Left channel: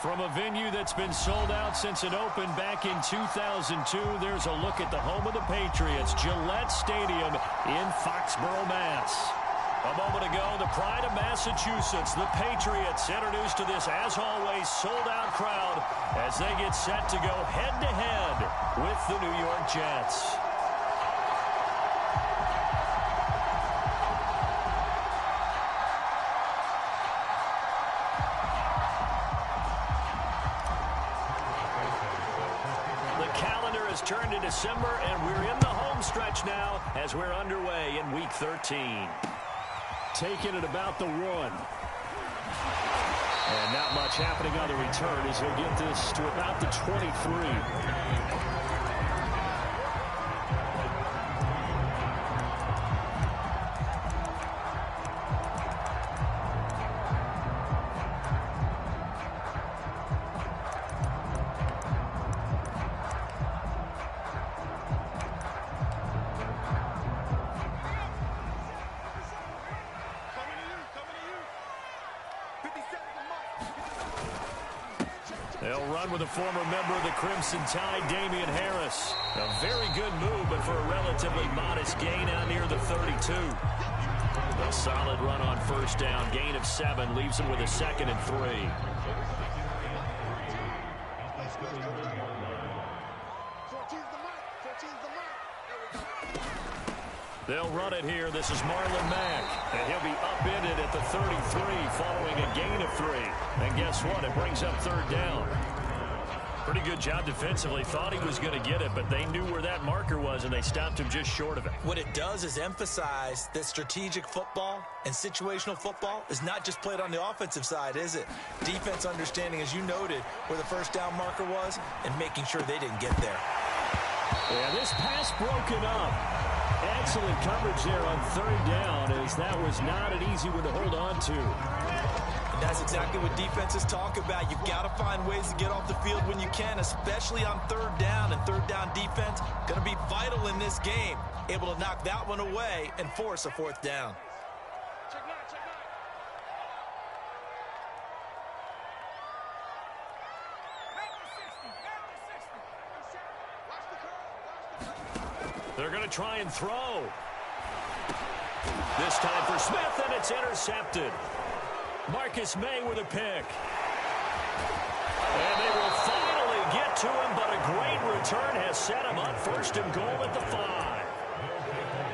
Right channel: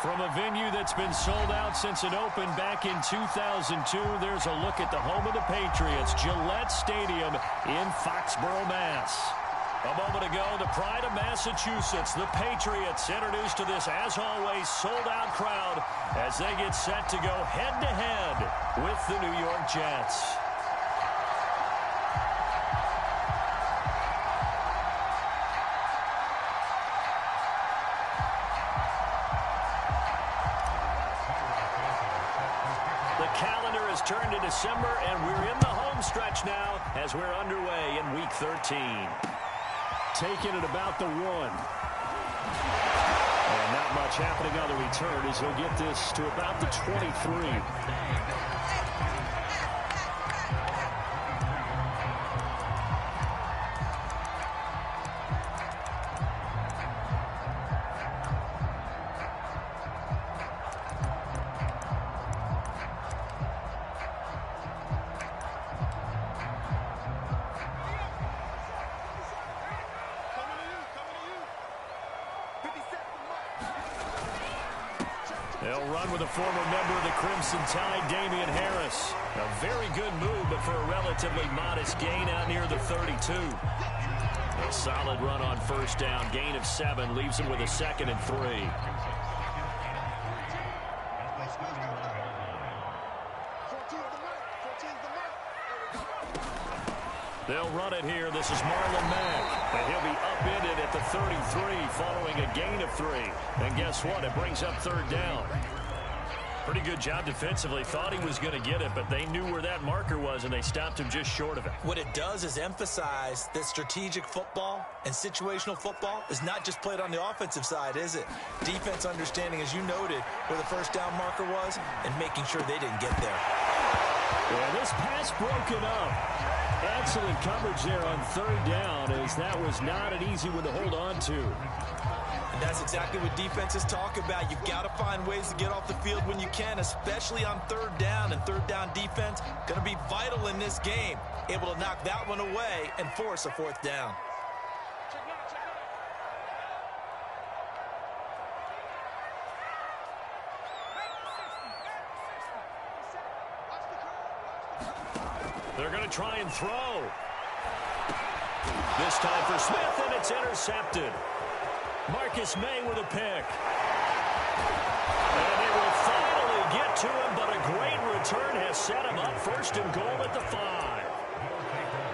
From a venue that's been sold out since it opened back in 2002, there's a look at the home of the Patriots, Gillette Stadium in Foxborough, Mass. A moment ago, the pride of Massachusetts, the Patriots, introduced to this, as always, sold-out crowd as they get set to go head-to-head with the New York Jets. Turned to December, and we're in the home stretch now as we're underway in Week 13. Taking it about the 1. And not much happening on the return as he'll get this to about the 23. They'll run with a former member of the Crimson Tide, Damian Harris. A very good move, but for a relatively modest gain out near the 32. A solid run on first down. Gain of 7 leaves him with a 2nd and 3. They'll run it here. This is Marlon Mack. And he'll be upended at the 33 following a gain of 3. And guess what? It brings up 3rd down. Pretty good job defensively. Thought he was going to get it, but they knew where that marker was, and they stopped him just short of it. What it does is emphasize that strategic football and situational football is not just played on the offensive side, is it? Defense understanding, as you noted, where the first down marker was and making sure they didn't get there. Yeah, this pass broken up. Excellent coverage there on 3rd down, as that was not an easy one to hold on to. And that's exactly what defenses talk about. You've got to find ways to get off the field when you can, especially on 3rd down. And 3rd down defense going to be vital in this game. Able to knock that one away and force a 4th down. They're going to try and throw. This time for Smith, and it's intercepted. Marcus May with a pick. And they will finally get to him, but a great return has set him up 1st and goal at the 5.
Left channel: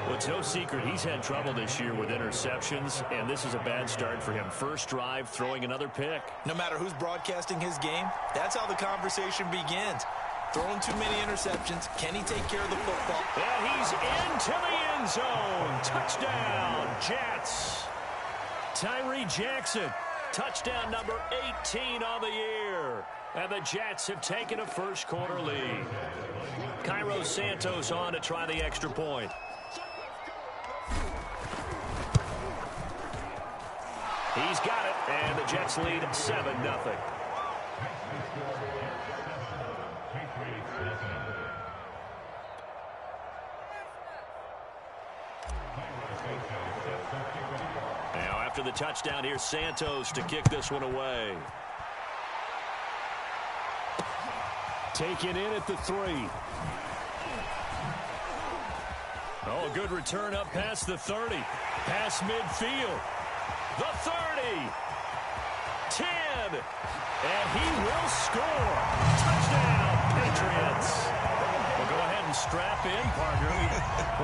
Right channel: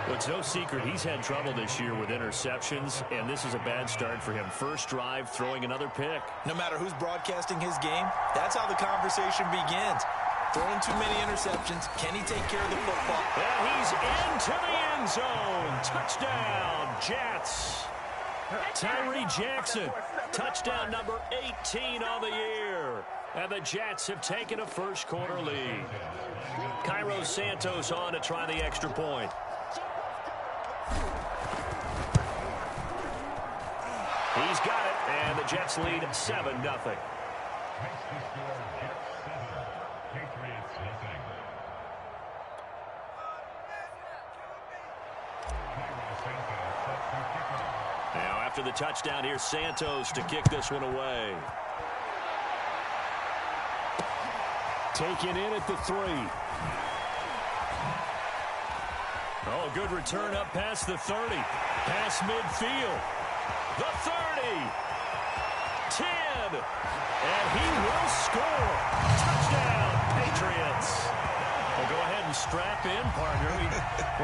Well, it's no secret he's had trouble this year with interceptions, and this is a bad start for him. First drive, throwing another pick. No matter who's broadcasting his game, that's how the conversation begins. Throwing too many interceptions. Can he take care of the football? And he's into the end zone. Touchdown, Jets. Tyree Jackson, touchdown number 18 on the year. And the Jets have taken a first-quarter lead. Cairo Santos on to try the extra point. He's got it, and the Jets lead 7-0. Now, after the touchdown, here's Santos to kick this one away. Taken in at the 3. Oh, a good return up past the 30. Past midfield. The 30. 10. And he will score. Touchdown, Patriots. Well, go ahead and strap in, partner.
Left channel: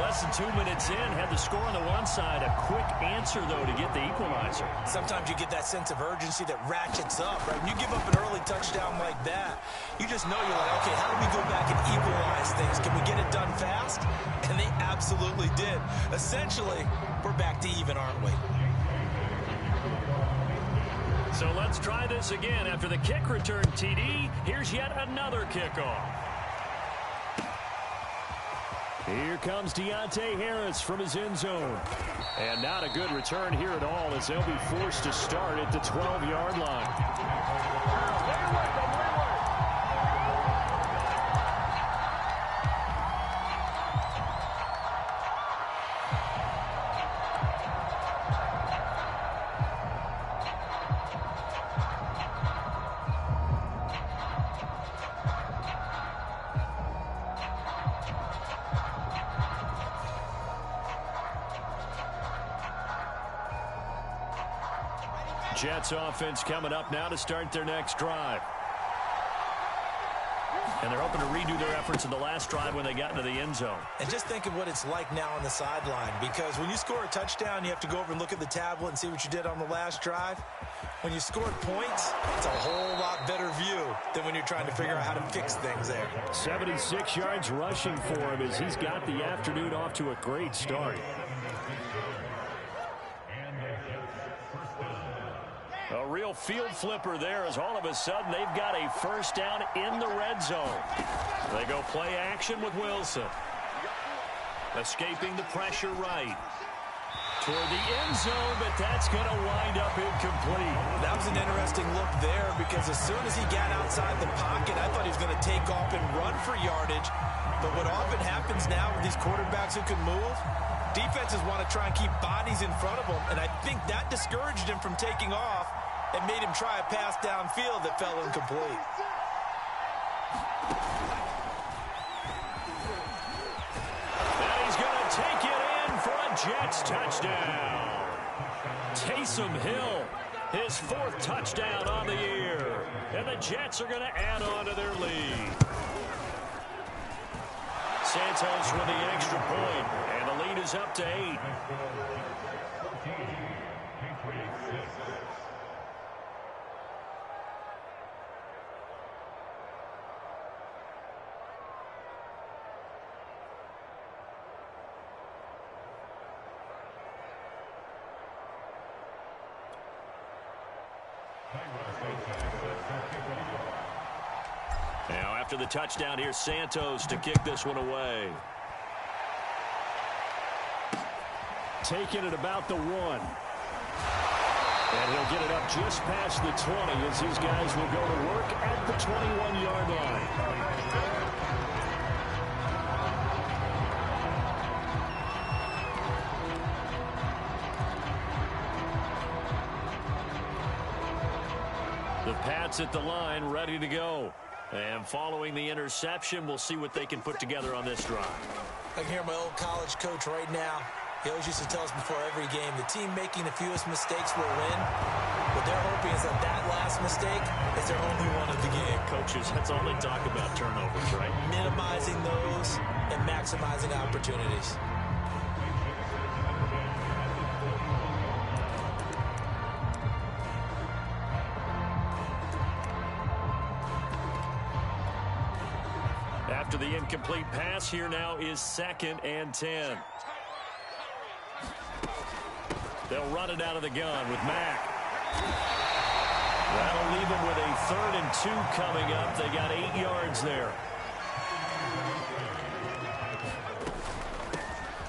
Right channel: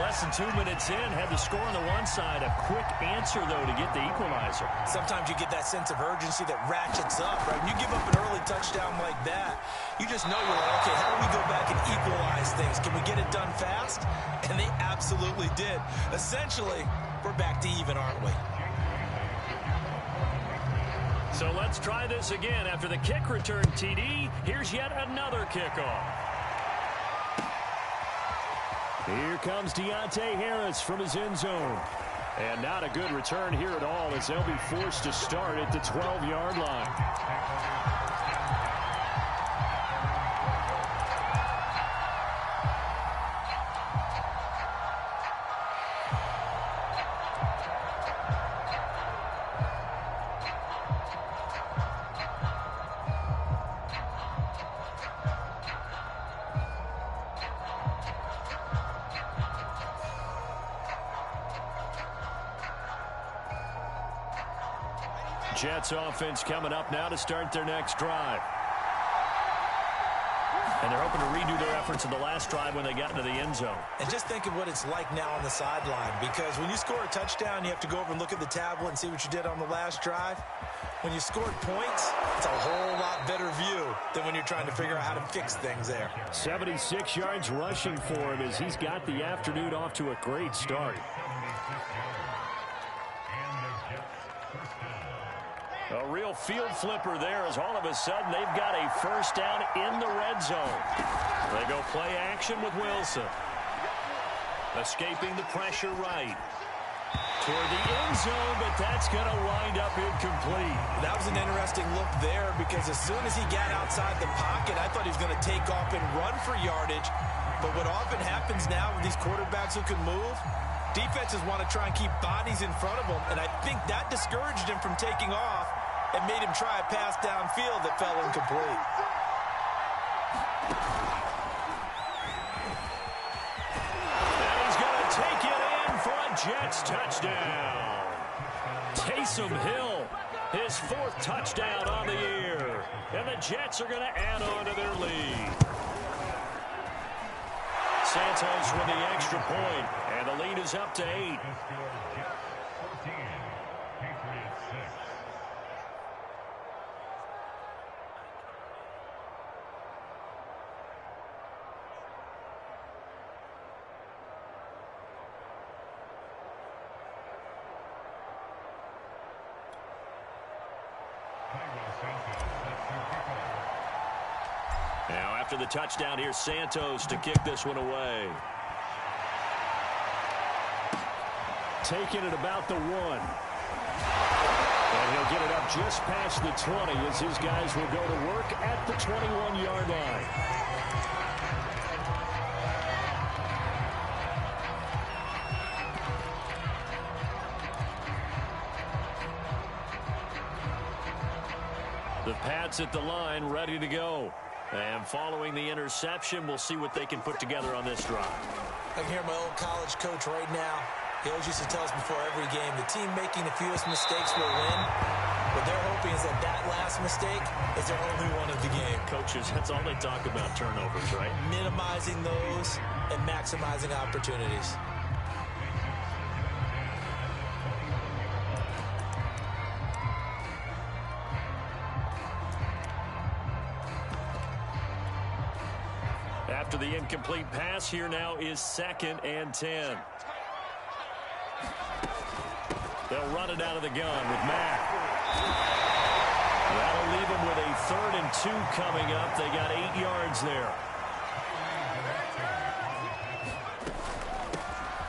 Less than 2 minutes in, had the score on the one side. A quick answer, though, to get the equalizer. Sometimes you get that sense of urgency that ratchets up, right? When you give up an early touchdown like that, you just know you're like, okay, how do we go back and equalize things? Can we get it done fast? And they absolutely did. Essentially, we're back to even, aren't we? So let's try this again. After the kick return TD, here's yet another kickoff. Here comes Deontay Harris from his end zone. And not a good return here at all, as they'll be forced to start at the 12-yard line. Jets offense coming up now to start their next drive. And they're hoping to redo their efforts in the last drive when they got into the end zone. And just think of what it's like now on the sideline, because when you score a touchdown, you have to go over and look at the tablet and see what you did on the last drive. When you scored points, it's a whole lot better view than when you're trying to figure out how to fix things there. 76 yards rushing for him as he's got the afternoon off to a great start. A real field flipper there as all of a sudden they've got a first down in the red zone. They go play action with Wilson. Escaping the pressure right. Toward the end zone, but that's going to wind up incomplete. That was an interesting look there because as soon as he got outside the pocket, I thought he was going to take off and run for yardage. But what often happens now with these quarterbacks who can move, defenses want to try and keep bodies in front of them, and I think that discouraged him from taking off and made him try a pass downfield that fell incomplete. And he's going to take it in for a Jets touchdown. Taysom Hill, his 4th touchdown on the year. And the Jets are going to add on to their lead. Santos with the extra point, and the lead is up to 8. Now after the touchdown, here's Santos to kick this one away. Taking it about the 1. And he'll get it up just past the 20 as his guys will go to work at the 21-yard line. The Pats at the line, ready to go. And following the interception, we'll see what they can put together on this drive. I can hear my old college coach right now. He always used to tell us before every game, the team making the fewest mistakes will win. What they're hoping is that that last mistake is their only one of the game. Coaches, that's all they talk about, turnovers, right? Minimizing those and maximizing opportunities. After the incomplete pass, here now is 2nd and 10. They'll run it out of the gun with Mack. That'll leave them with a 3rd and 2 coming up. They got 8 yards there.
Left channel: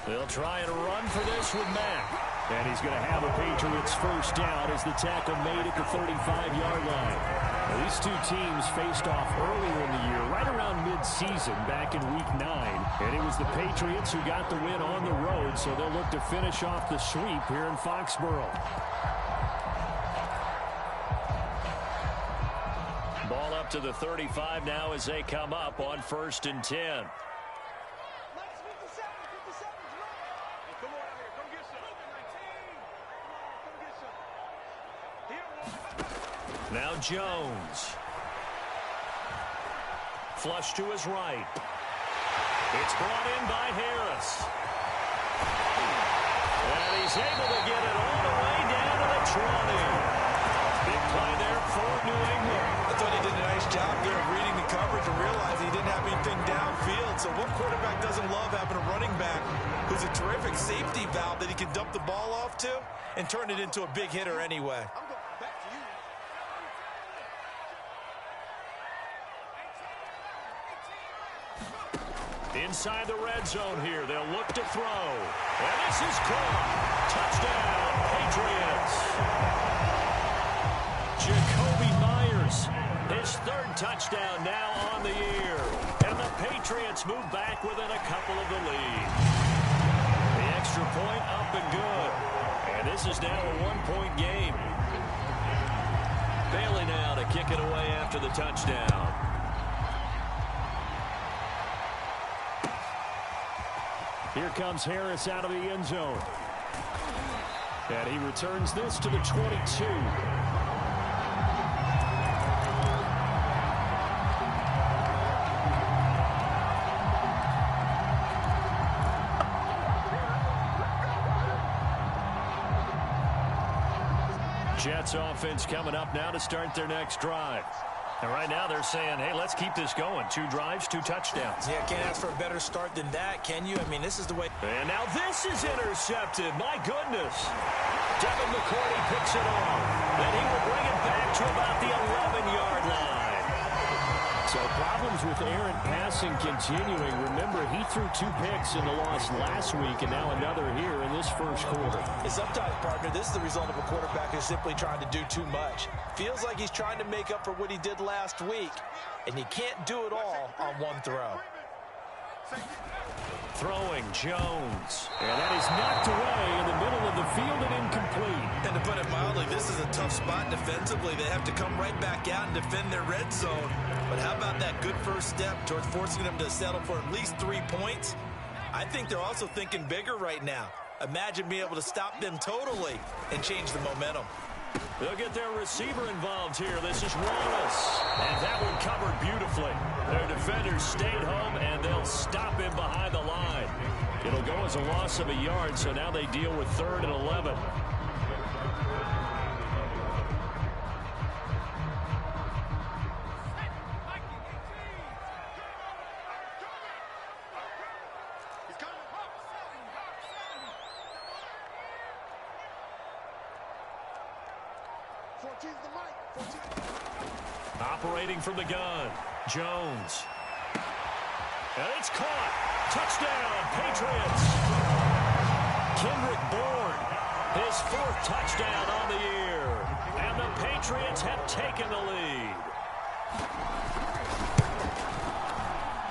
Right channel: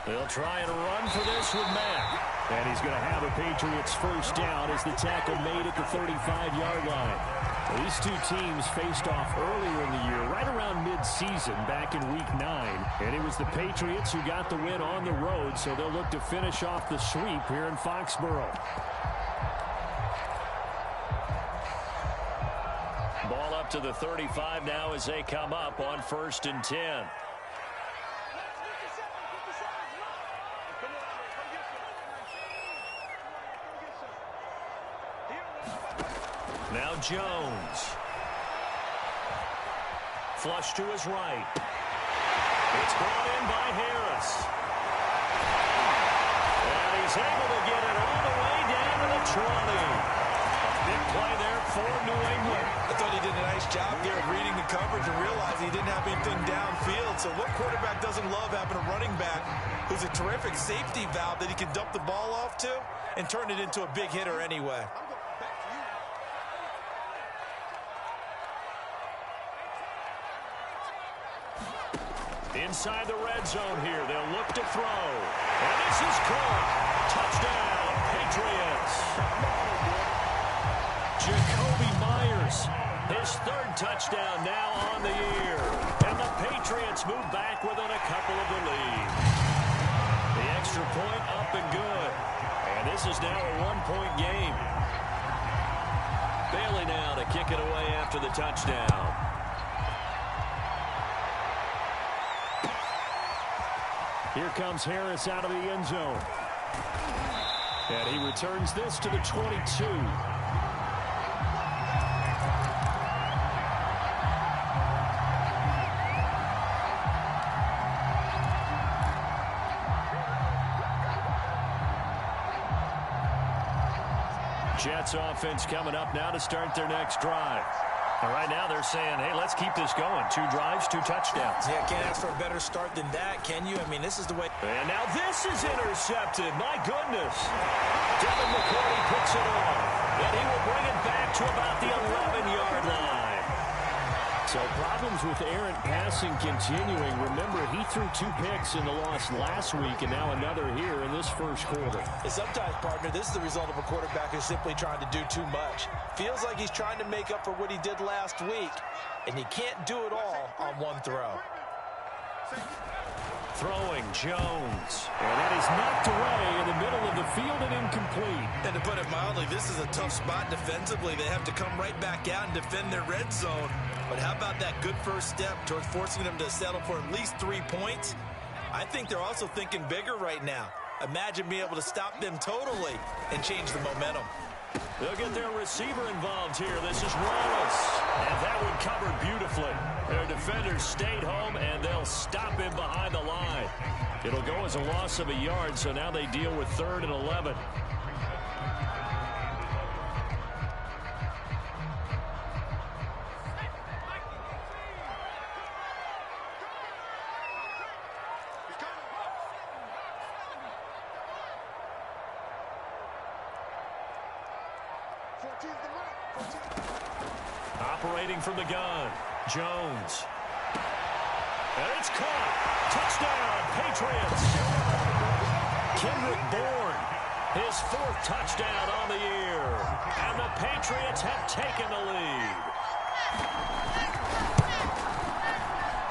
They'll try and run for this with Mack. And he's going to have a Patriots first down as the tackle made at the 35-yard line. Now, these two teams faced off earlier in the year, right around mid-season, back in Week 9. And it was the Patriots who got the win on the road, so they'll look to finish off the sweep here in Foxborough. Ball up to the 35 now as they come up on 1st and 10. Now Jones. Flush to his right. It's brought in by Harris. And he's able to get it all the way down to the 20. A big play there for New England. I thought he did a nice job there of reading the coverage and realizing he didn't have anything downfield. So what quarterback doesn't love having a running back who's a terrific safety valve that he can dump the ball off to and turn it into a big hitter anyway? Inside the red zone here, they'll look to throw. And this is caught. Touchdown, Patriots. Jacoby Myers, his 3rd touchdown now on the year. And the Patriots move back within a couple of the lead. The extra point up and good. And this is now a 1-point game. Bailey now to kick it away after the touchdown. Here comes Harris out of the end zone. And he returns this to the 22. Jets offense coming up now to start their next drive. And right now they're saying, hey, let's keep this going. 2 drives, 2 touchdowns. Yeah, can't ask for a better start than that, can you? I mean, this is the way. And now this is intercepted. My goodness. Devin McCourty picks it off. And he will bring it back to about the 11-yard line. So problems with errant passing continuing. Remember, he threw 2 picks in the loss last week and now another here in this first quarter. Sometimes, partner, this is the result of a quarterback who's simply trying to do too much. Feels like he's trying to make up for what he did last week, and you can't do it all on one throw. Throwing Jones. And that is knocked away in the middle of the field and incomplete. And to put it mildly, this is a tough spot defensively. They have to come right back out and defend their red zone. But how about that good first step towards forcing them to settle for at least 3 points? I think they're also thinking bigger right now. Imagine being able to stop them totally and change the momentum. They'll get their receiver involved here. This is Wallace. And that one covered beautifully. Their defenders stayed home, and they'll stop him behind the line. It'll go as a loss of a yard, so now they deal with 3rd and 11. Operating from the gun, Jones. And it's caught. Touchdown, Patriots. Kendrick Bourne, his 4th touchdown on the year. And the Patriots have taken the lead.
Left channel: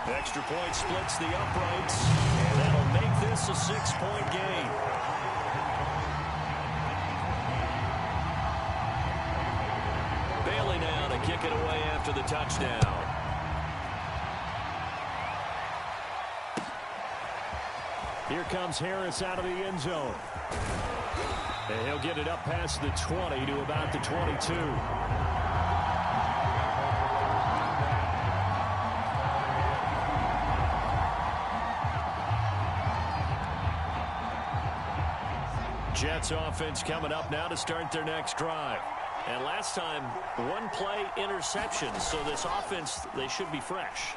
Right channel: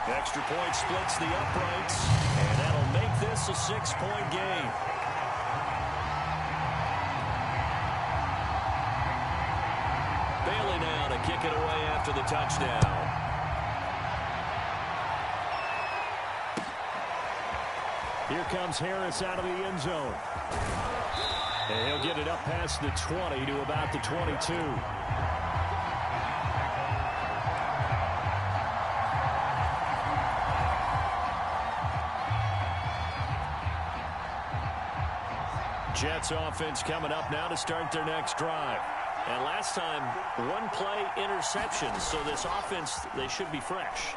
Extra point splits the uprights, and that'll make this a 6-point game. Bailey now to kick it away after the touchdown. Here comes Harris out of the end zone. And he'll get it up past the 20 to about the 22. Jets offense coming up now to start their next drive. And last time, 1-play interception. So this offense, they should be fresh.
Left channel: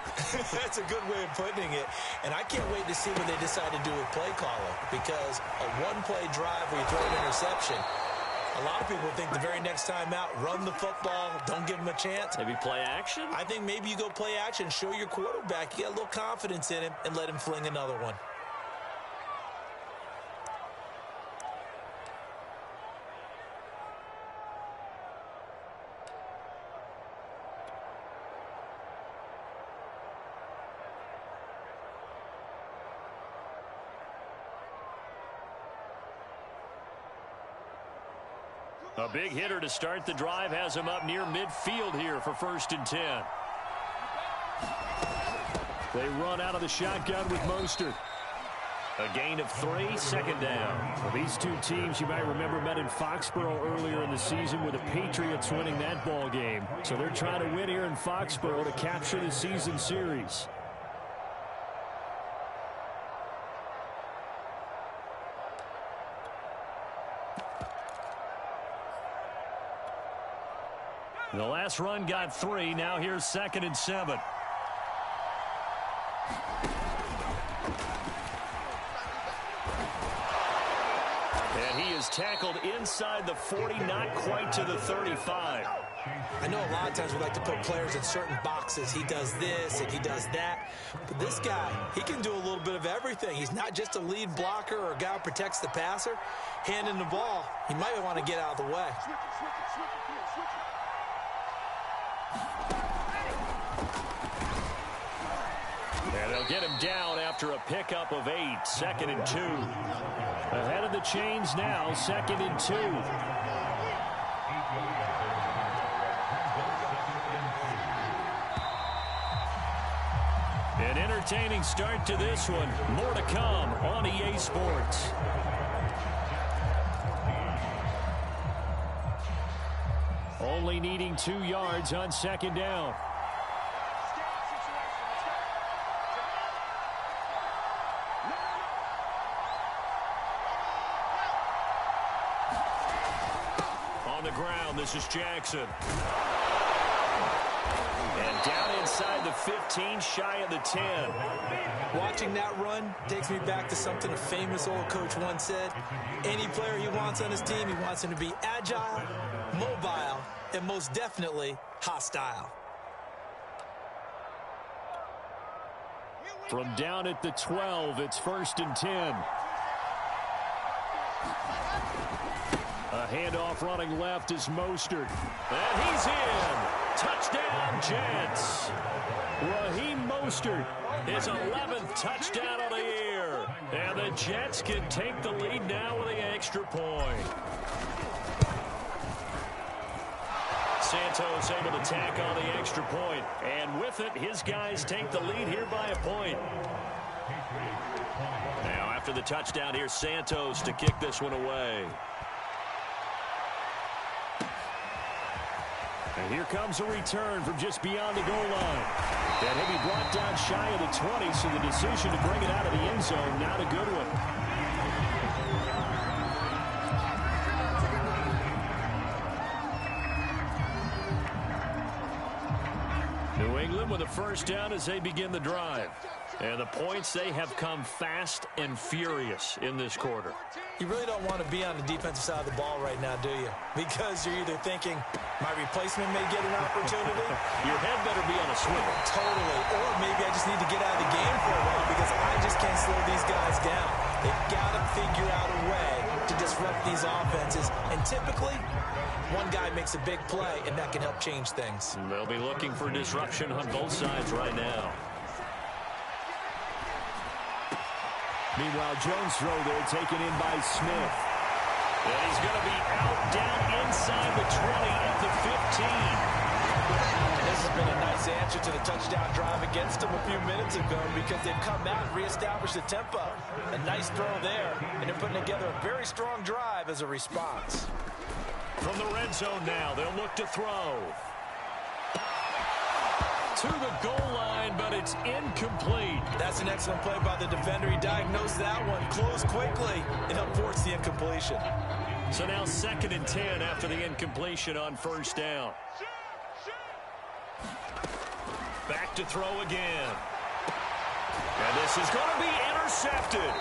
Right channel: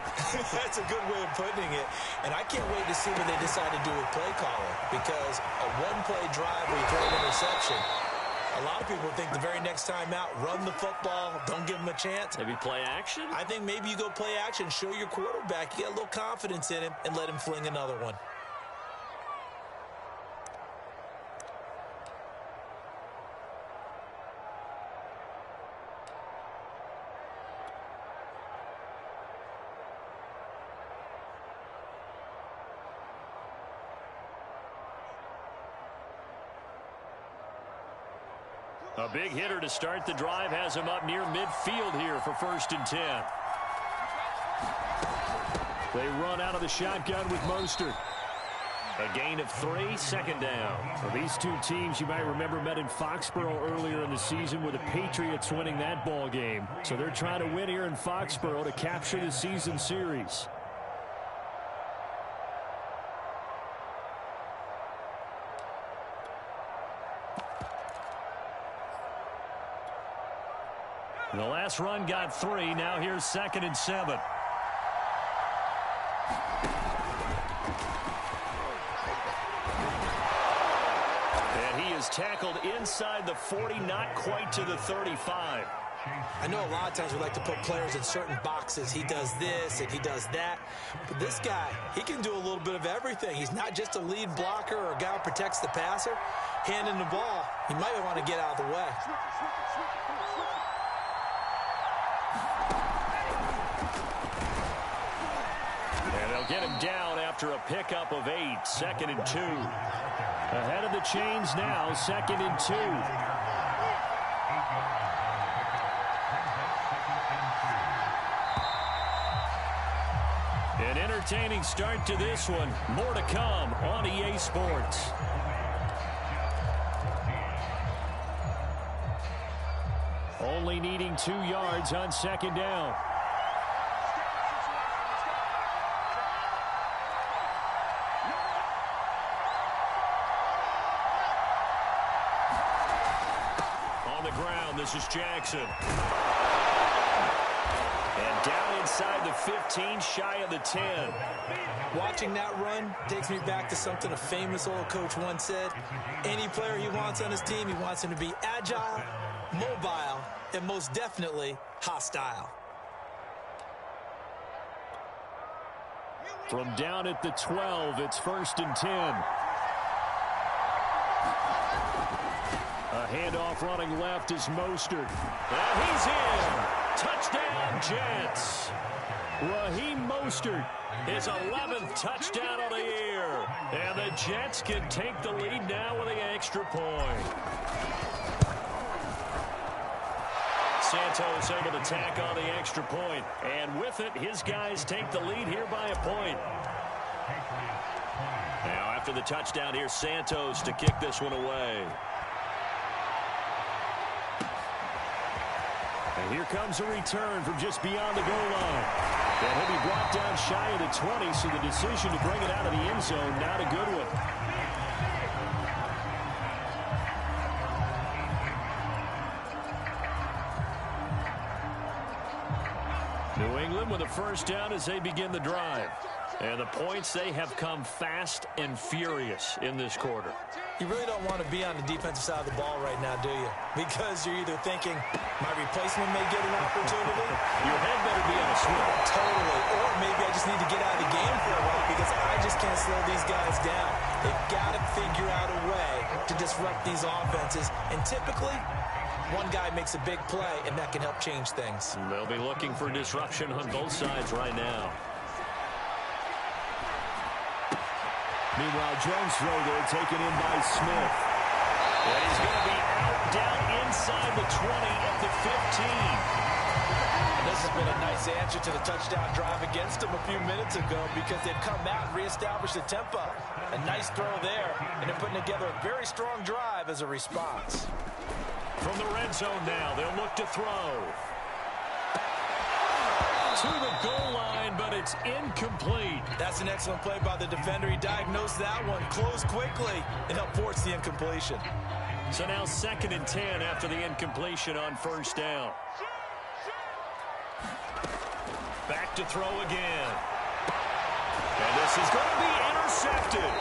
That's a good way of putting it. And I can't wait to see what they decide to do with play calling. Because a 1-play drive where you throw an interception, a lot of people think the very next time out, run the football, don't give them a chance. Maybe play action? I think maybe you go play action, show your quarterback, you get a little confidence in him, and let him fling another one. A big hitter to start the drive has him up near midfield here for 1st and 10. They run out of the shotgun with Mostert. A gain of 3, 2nd down. Well, these 2 teams, you might remember, met in Foxborough earlier in the season with the Patriots winning that ball game. So they're trying to win here in Foxborough to capture the season series. The last run got 3. Now here's 2nd and 7. And he is tackled inside the 40, not quite to the 35. I know a lot of times we like to put players in certain boxes. He does this and he does that. But this guy, he can do a little bit of everything. He's not just a lead blocker or a guy who protects the passer. Handing the ball, he might want to get out of the way. And they'll get him down after a pickup of 8. 2nd and 2. Ahead of the chains now. 2nd and 2. An entertaining start to this one. More to come on EA Sports. Only needing 2 yards on 2nd down. On the ground, this is Jackson. And down inside the 15, shy of the 10. Watching that run takes me back to something a famous old coach once said. Any player he wants on his team, he wants him to be agile, mobile, and most definitely hostile. From down at the 12, it's 1st and 10. A handoff running left is Mostert. And he's in. Touchdown, Jets. Raheem Mostert, his 11th touchdown of the year. And the Jets can take the lead now with the extra point. Santos able to tack on the extra point. And with it, his guys take the lead here by a point. Now after the touchdown, here's Santos to kick this one away. And here comes a return from just beyond the goal line. And he'll be brought down shy of the 20, so the decision to bring it out of the end zone, not a good one. New England with a first down as they begin the drive. And the points, they have come fast and furious in this quarter. You really don't want to be on the defensive side of the ball right now, do you? Because you're either thinking, my replacement may get an opportunity. Your head better be on a swivel. Totally. Or maybe I just need to get out of the game for a while because I just can't slow these guys down. They've got to figure out a way to disrupt these offenses. And typically, one guy makes a big play, and that can help change things. They'll be looking for disruption on both sides right now. Meanwhile, Jones' throw there taken in by Smith. And he's going to be out down inside the 20 at the 15. And this has been a nice answer to the touchdown drive against them a few minutes ago because they've come out and reestablished the tempo. A nice throw there, and they're putting together a very strong drive as a response. From the red zone now, they'll look to throw. To the goal line, but it's incomplete. That's an excellent play by the defender. He diagnosed that one, closed quickly, and helped force the incompletion. So now 2nd and 10 after the incompletion on first down. Back to throw again. And this is going to be intercepted.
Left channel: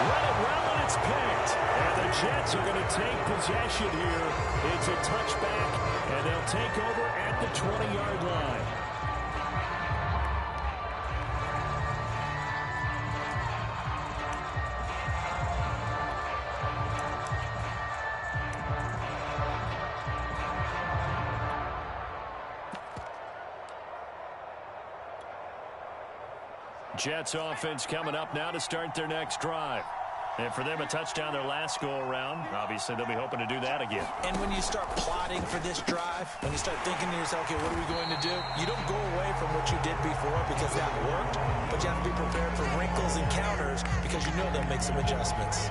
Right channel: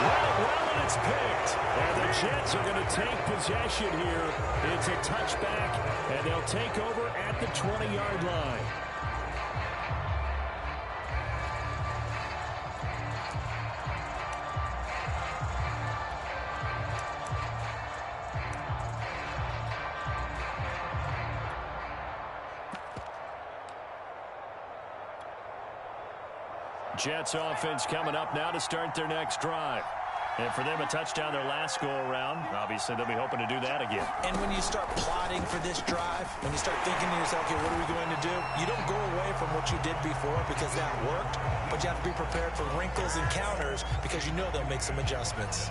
Read it well, and it's picked. And the Jets are going to take possession here. It's a touchback, and they'll take over at the 20-yard line. Jets offense coming up now to start their next drive. And for them, a touchdown their last go-around. Obviously, they'll be hoping to do that again. And when you start plotting for this drive, when you start thinking to yourself, okay, what are we going to do? You don't go away from what you did before because that worked, but you have to be prepared for wrinkles and counters because you know they'll make some adjustments.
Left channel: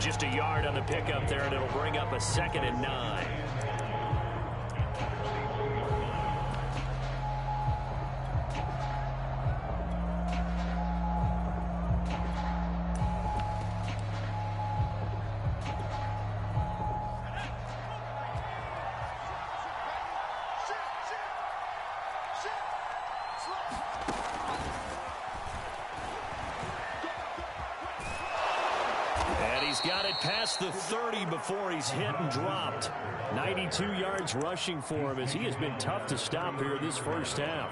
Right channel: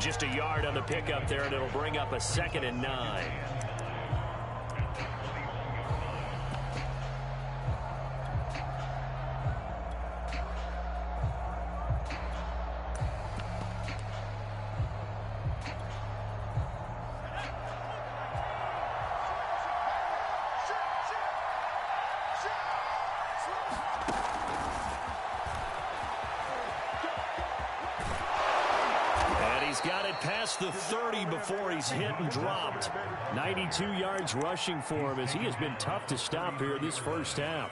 Just a yard on the pickup there, and it'll bring up a 2nd and 9. Got it past the 30 before he's hit and dropped. 92 yards rushing for him as he has been tough to stop here this first half.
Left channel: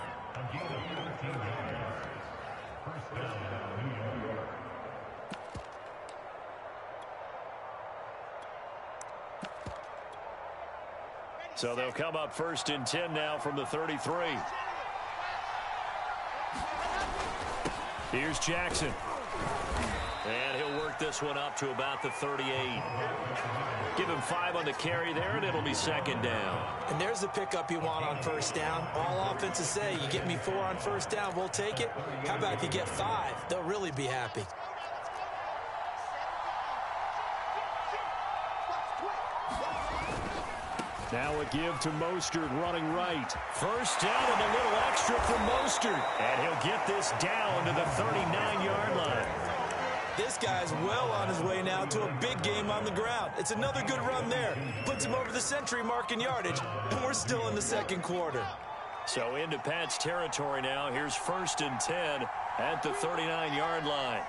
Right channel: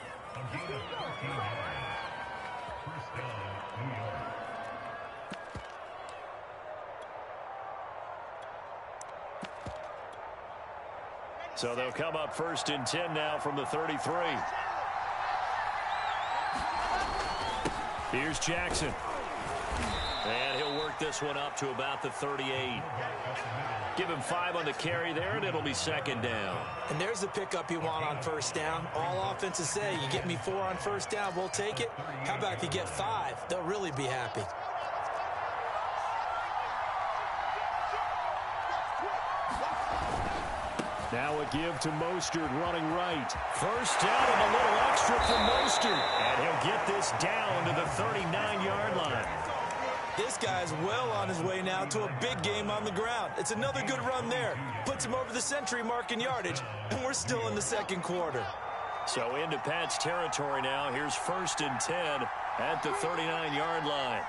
So they'll come up 1st and 10 now from the 33. Here's Jackson. And he'll work this one up to about the 38. Give him 5 on the carry there, and it'll be 2nd down. And there's the pickup you want on first down. All offenses say, you get me 4 on first down, we'll take it. How about if you get 5? They'll really be happy. Now a give to Mostert running right. First down and a little extra for Mostert. And he'll get this down to the 39-yard line. This guy's well on his way now to a big game on the ground. It's another good run there. Puts him over the century mark in yardage, and we're still in the second quarter. So into Pat's territory now. Here's 1st and 10 at the 39-yard line.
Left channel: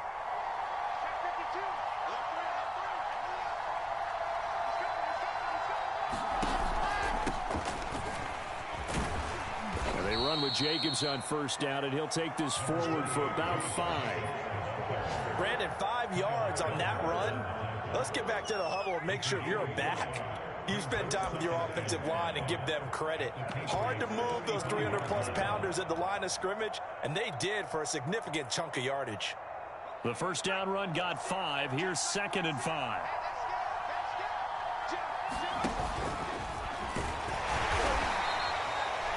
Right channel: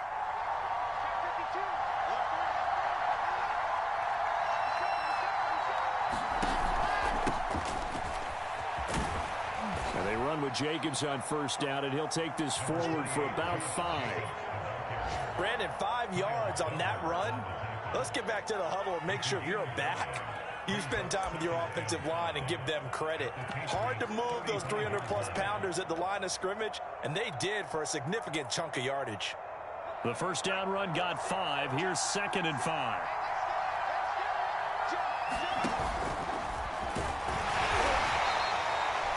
And they run with Jacobs on 1st down, and he'll take this forward for about 5. Brandon, 5 yards on that run. Let's get back to the huddle and make sure if you're a back, you spend time with your offensive line and give them credit. Hard to move those 300-plus pounders at the line of scrimmage, and they did for a significant chunk of yardage. The 1st down run got 5. Here's 2nd and 5.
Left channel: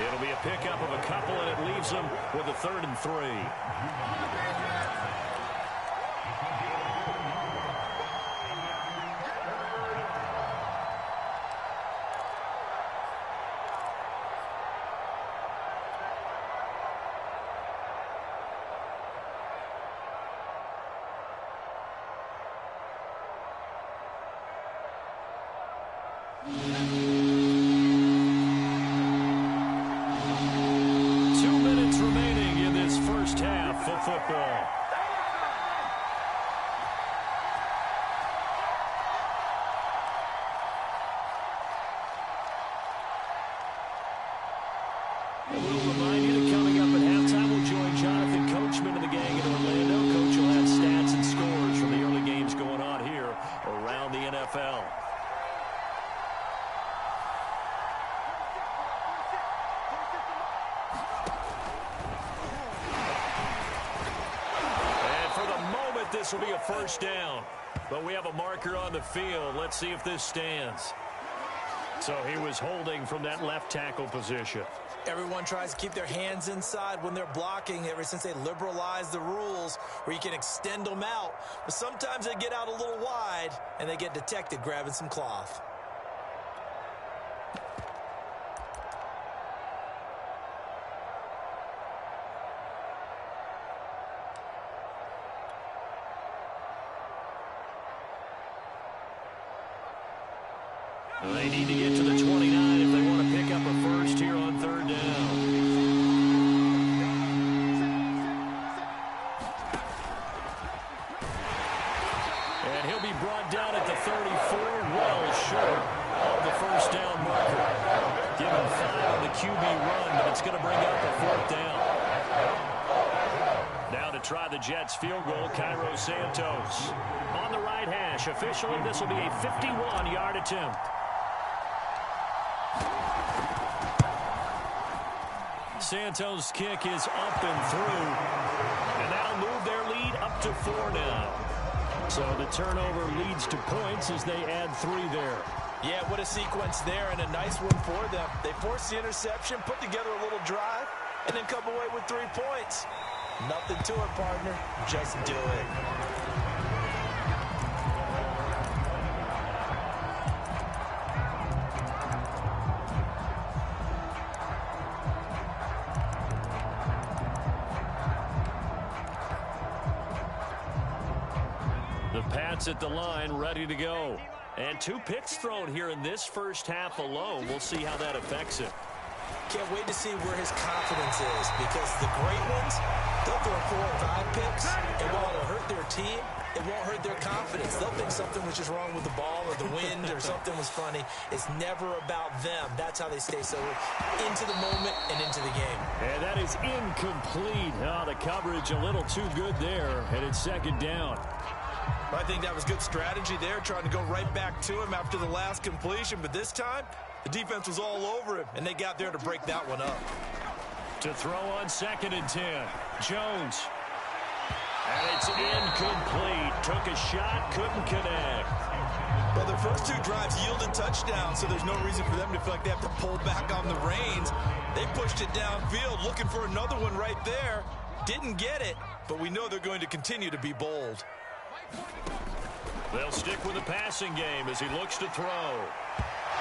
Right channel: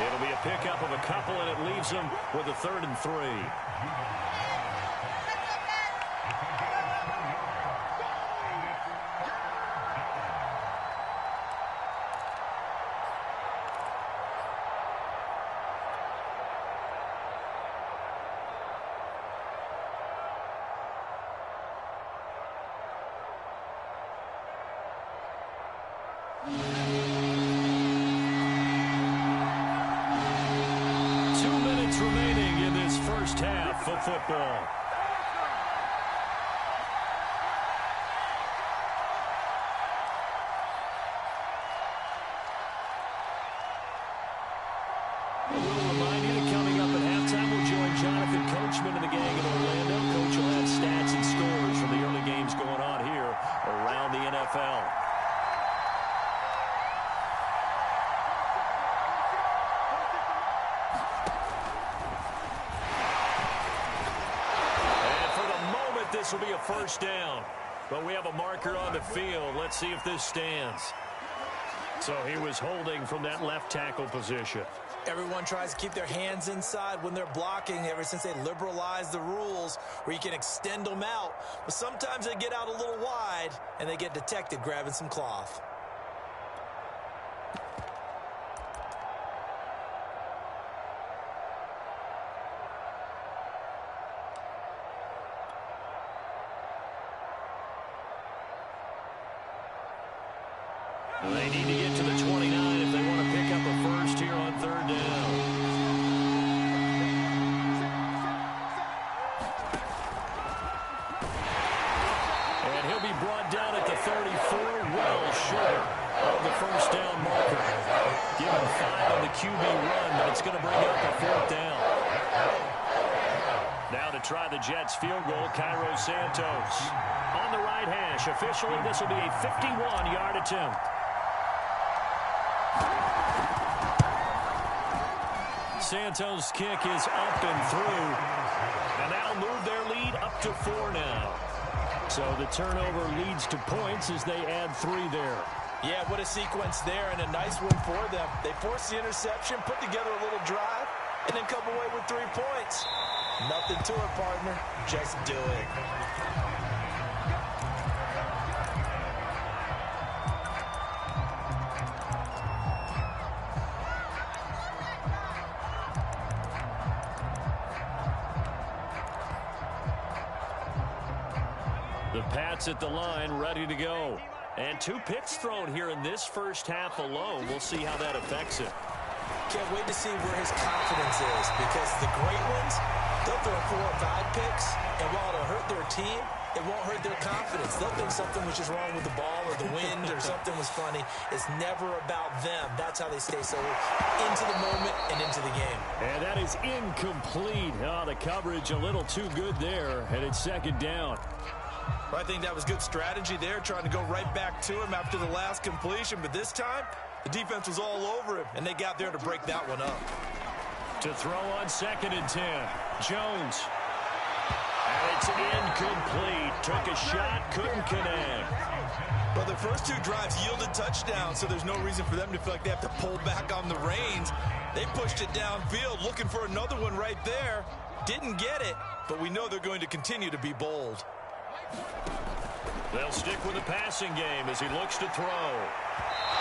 It'll be a pickup of a couple, and it leaves them with a 3rd and 3. Remaining in this first half of football. And we'll remind you that coming up at halftime, we'll join Jonathan Coachman and the gang in Orlando. Coach will have stats and scores from the early games going on here around the NFL. This will be a 1st down, but we have a marker on the field. Let's see if this stands. So he was holding from that left tackle position. Everyone tries to keep their hands inside when they're blocking ever since they liberalized the rules where you can extend them out. But sometimes they get out a little wide and they get detected grabbing some cloth. They need to get to the 29 if they want to pick up a 1st here on 3rd down. And he'll be brought down at the 34, well short of the 1st down marker. Given 5 on the QB run, but it's going to bring up a 4th down. Now to try the Jets field goal, Cairo Santos. On the right hash, officially this will be a 51-yard attempt. Santos' kick is up and through, and that'll move their lead up to 4 now. So the turnover leads to points as they add 3 there. Yeah, what a sequence there, and a nice one for them. They forced the interception, put together a little drive, and then come away with 3 points. Nothing to it, partner. Just do it. The Pats at the line, ready to go. And 2 picks thrown here in this first half alone. We'll see how that affects it. Can't wait to see where his confidence is, because the great ones, they'll throw 4 or 5 picks, and while it'll hurt their team, it won't hurt their confidence. They'll think something was just wrong with the ball or the wind or something was funny. It's never about them. That's how they stay so into the moment and into the game. And that is incomplete. Oh, the coverage a little too good there, and it's 2nd down. I think that was good strategy there, trying to go right back to him after the last completion. But this time, the defense was all over him, and they got there to break that one up. To throw on 2nd and 10, Jones. And it's incomplete. Took a shot, couldn't connect. Well, their first 2 drives yielded touchdowns, so there's no reason for them to feel like they have to pull back on the reins. They pushed it downfield, looking for another one right there. Didn't get it, but we know they're going to continue to be bold. They'll stick with the passing game as he looks to throw.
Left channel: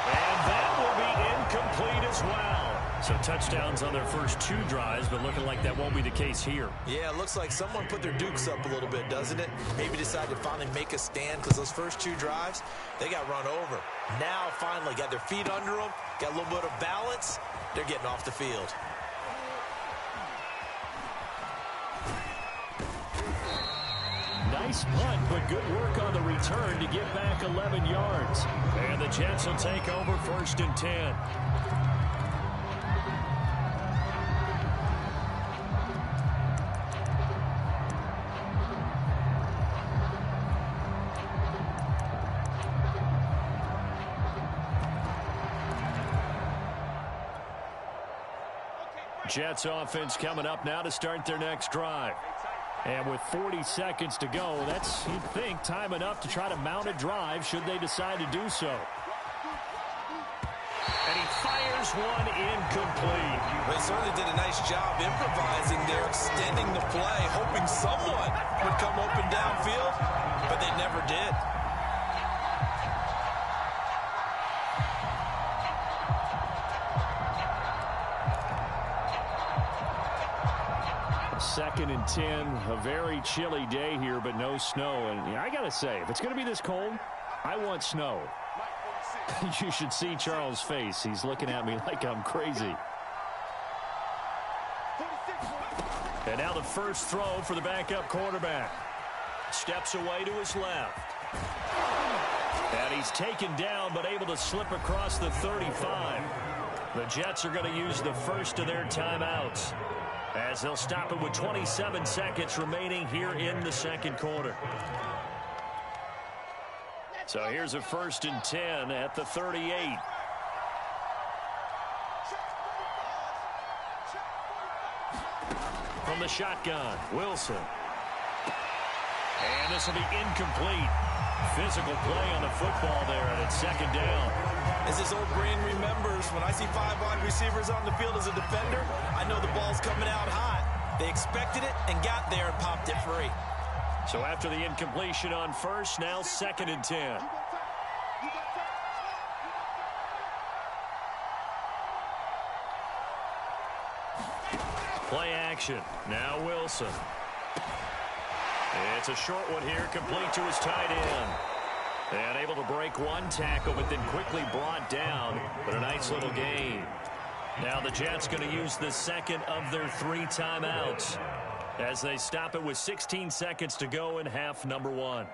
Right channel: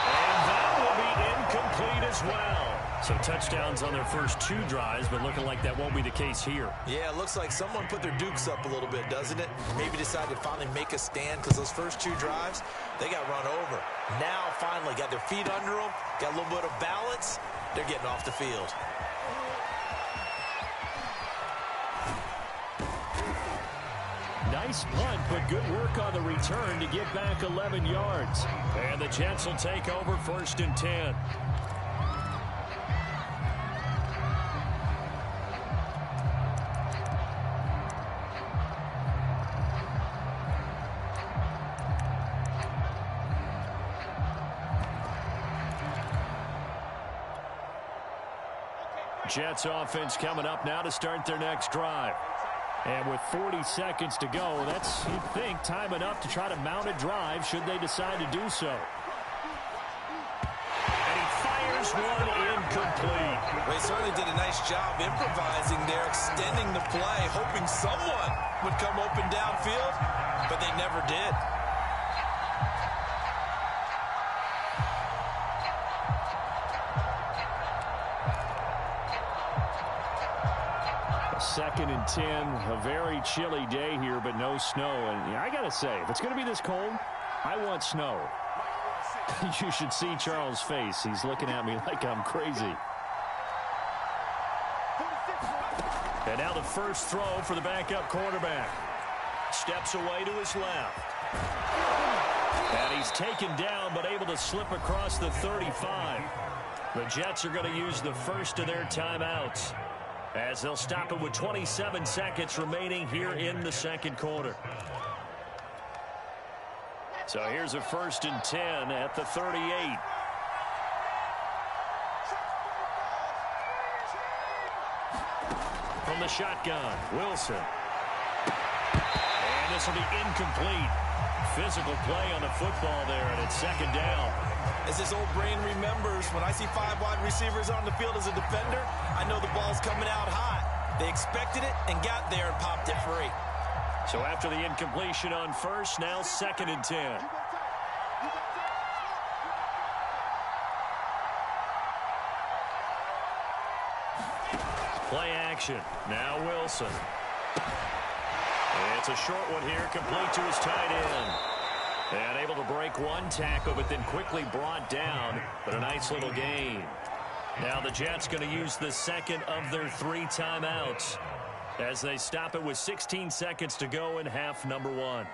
And that will be incomplete as well. So touchdowns on their first 2 drives, but looking like that won't be the case here. Yeah, it looks like someone put their dukes up a little bit, doesn't it? Maybe decided to finally make a stand because those first 2 drives, they got run over. Now, finally, got their feet under them, got a little bit of balance. They're getting off the field. Nice punt, but good work on the return to get back 11 yards. And the Jets will take over 1st and 10. Jets offense coming up now to start their next drive. And with 40 seconds to go, that's, you'd think, time enough to try to mount a drive should they decide to do so. And he fires one incomplete. They certainly did a nice job improvising there, extending the play, hoping someone would come open downfield, but they never did. Second and 10, a very chilly day here, but no snow. And I got to say, if it's going to be this cold, I want snow. You should see Charles' face. He's looking at me like I'm crazy. And now the first throw for the backup quarterback. Steps away to his left. And he's taken down, but able to slip across the 35. The Jets are going to use the first of their timeouts, as they'll stop it with 27 seconds remaining here in the second quarter. So here's a 1st and 10 at the 38. From the shotgun, Wilson. And this will be incomplete. Physical play on the football there, and it's 2nd down. As his old brain remembers, when I see 5 wide receivers on the field as a defender, I know the ball's coming out hot. They expected it and got there and popped it free. So after the incompletion on first, now 2nd and 10. Play action. Now Wilson. It's a short one here, complete to his tight end. And able to break one tackle, but then quickly brought down. But a nice little gain. Now the Jets going to use the second of their 3 timeouts as they stop it with 16 seconds to go in half number 1.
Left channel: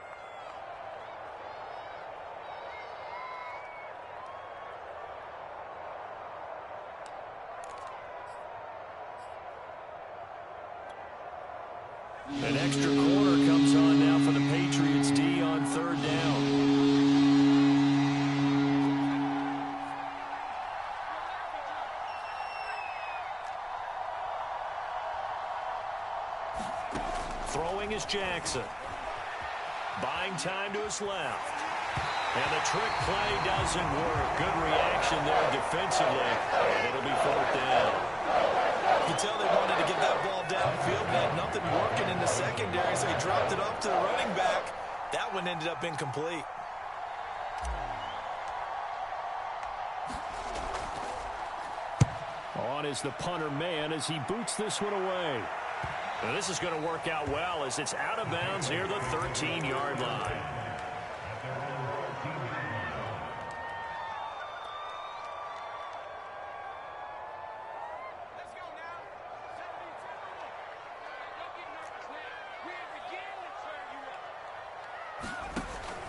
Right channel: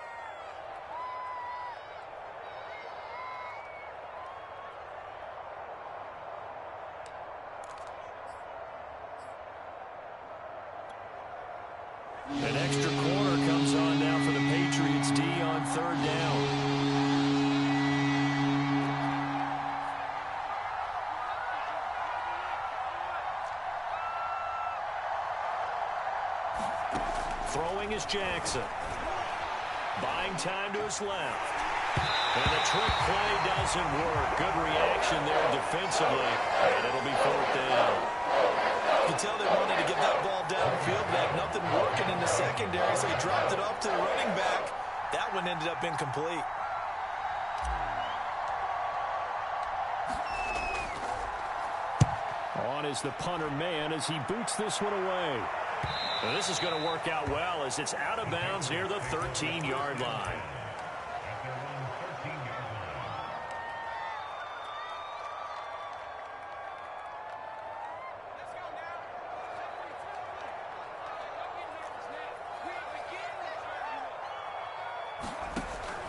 An extra quarter comes on now for the Patriots D on 3rd down. Throwing is Jackson. Buying time to his left. And the trick play doesn't work. Good reaction there defensively. And it'll be 4th down. You can tell they wanted to get that ball downfield. They had nothing working in the secondary, so he dropped it off to the running back. That one ended up incomplete. On is the punter man as he boots this one away. Now this is going to work out well as it's out of bounds near the 13-yard line.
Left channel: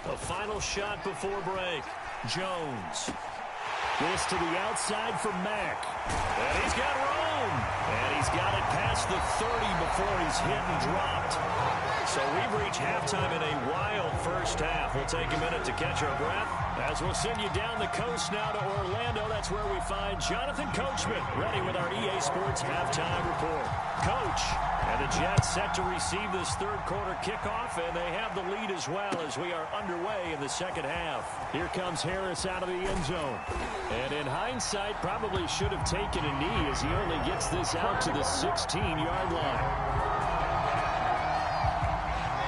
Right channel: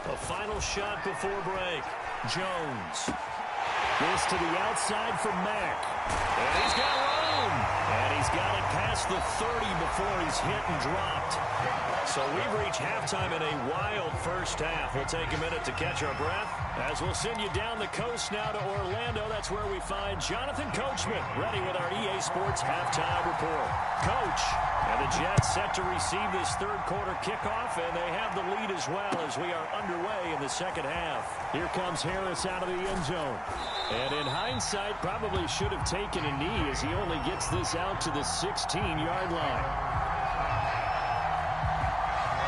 A final shot before break. Jones. This to the outside for Mack. And he's got room. And he's got it past the 30 before he's hit and dropped. So we've reached halftime in a wild first half. We'll take a minute to catch our breath as we'll send you down the coast now to Orlando. That's where we find Jonathan Coachman ready with our EA Sports halftime report. Coach, and the Jets set to receive this third quarter kickoff, and they have the lead as well as we are underway in the second half. Here comes Harris out of the end zone. And in hindsight, probably should have taken a knee as he only gets this out to the 16-yard line.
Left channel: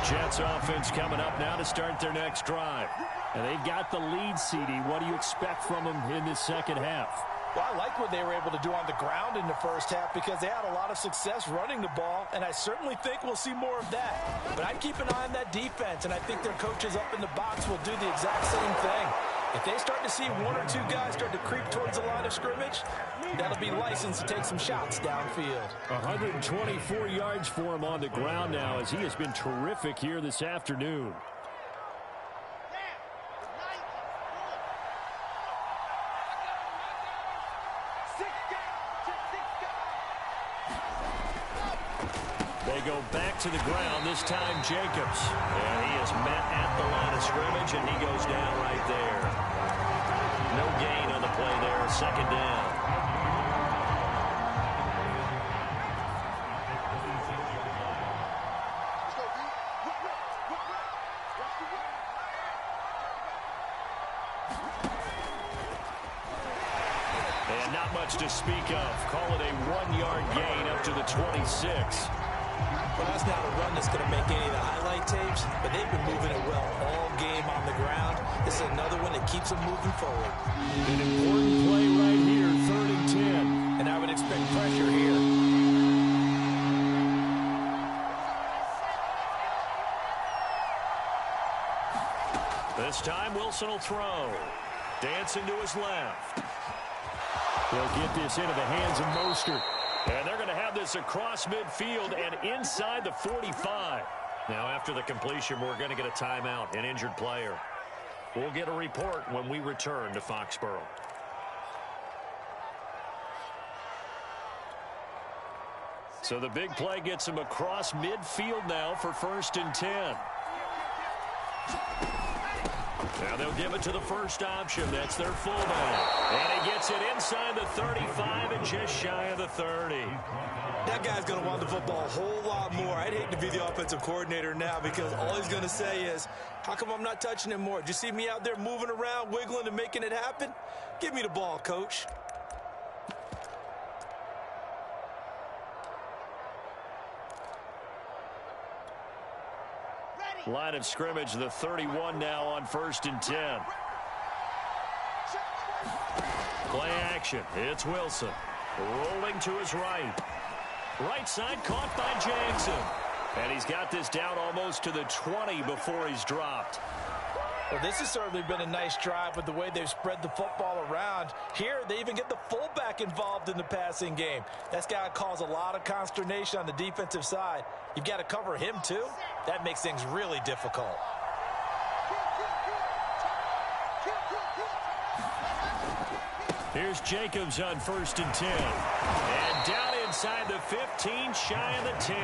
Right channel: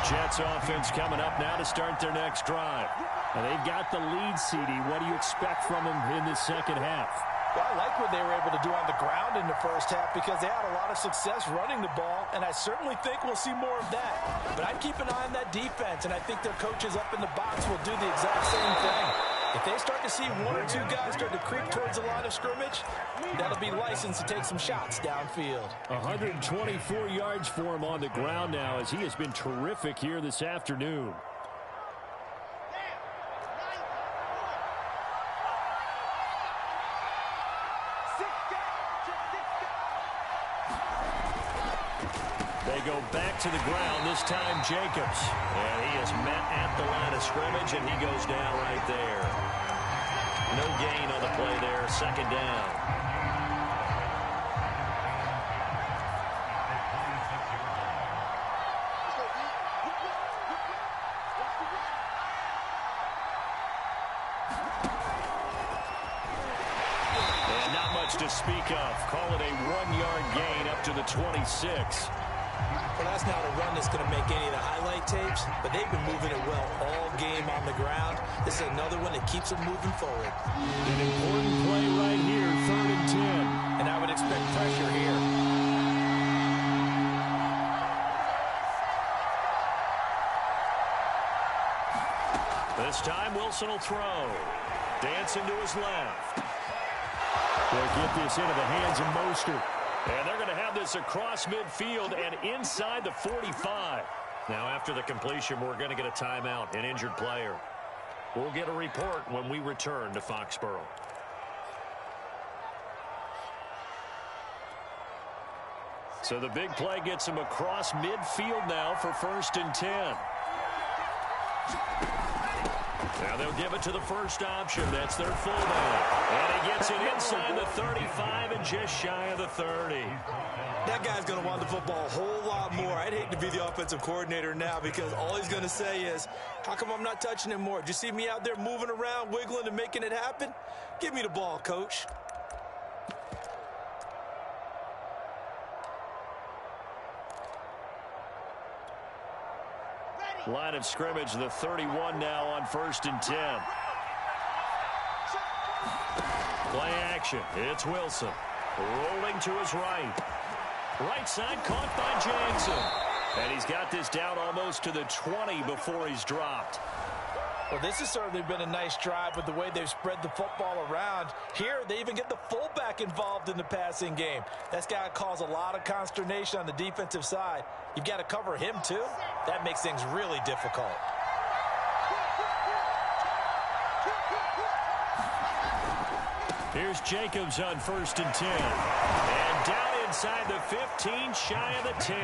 Jets offense coming up now to start their next drive. And they've got the lead, CD. What do you expect from them in this second half? Well, I like what they were able to do on the ground in the first half because they had a lot of success running the ball, and I certainly think we'll see more of that. But I'd keep an eye on that defense, and I think their coaches up in the box will do the exact same thing. If they start to see one or two guys start to creep towards the line of scrimmage, that'll be licensed to take some shots downfield. 124 yards for him on the ground now as he has been terrific here this afternoon. They go back to the ground, this time Jacobs. And he is met at the line of scrimmage, and he goes down right there. No gain on the play there, second down. And not much to speak of. Call it a 1-yard gain up to the 26. Well, that's not a run that's going to make any of the highlight tapes, but they've been moving it well all game on the ground. This is another one that keeps them moving forward. An important play right here, 3rd and 10. And I would expect pressure here. This time Wilson will throw. Dancing to his left. They'll get this into the hands of Mostert. And they're going to have this across midfield and inside the 45. Now, after the completion, we're going to get a timeout, an injured player. We'll get a report when we return to Foxborough. So the big play gets him across midfield now for 1st and 10. Now they'll give it to the first option. That's their fullback. And he gets it inside the 35 and just shy of the 30. That guy's going to want the football a whole lot more. I'd hate to be the offensive coordinator now because all he's going to say is, how come I'm not touching him more? Did you see me out there moving around, wiggling, and making it happen? Give me the ball, coach. Line of scrimmage, the 31 now on 1st and 10. Play action. It's Wilson. Rolling to his right. Right side caught by Jackson. And he's got this down almost to the 20 before he's dropped. Well, this has certainly been a nice drive with the way they've spread the football around. Here, they even get the fullback involved in the passing game. That's got to cause a lot of consternation on the defensive side. You've got to cover him, too. That makes things really difficult. Here's Jacobs on 1st and 10. And down inside the 15, shy of the 10.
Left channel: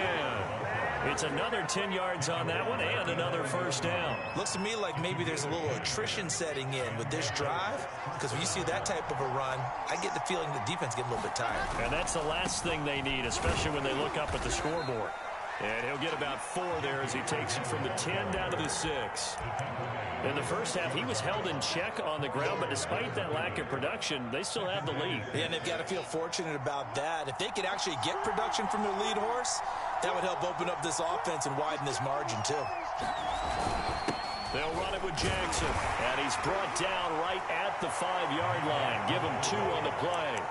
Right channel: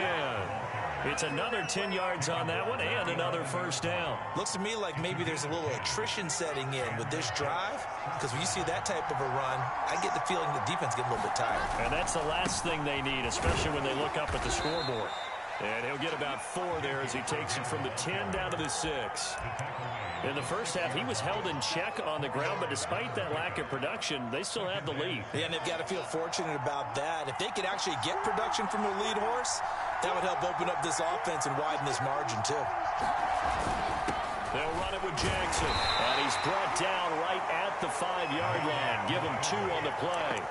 It's another 10 yards on that one and another first down. Looks to me like maybe there's a little attrition setting in with this drive, because when you see that type of a run, I get the feeling the defense gets a little bit tired. And that's the last thing they need, especially when they look up at the scoreboard. And he'll get about 4 there as he takes it from the 10 down to the 6. In the first half, he was held in check on the ground, but despite that lack of production, they still have the lead. Yeah, and they've got to feel fortunate about that. If they could actually get production from their lead horse, that would help open up this offense and widen this margin, too. They'll run it with Jackson, and he's brought down right at the 5-yard line. Give him 2 on the play.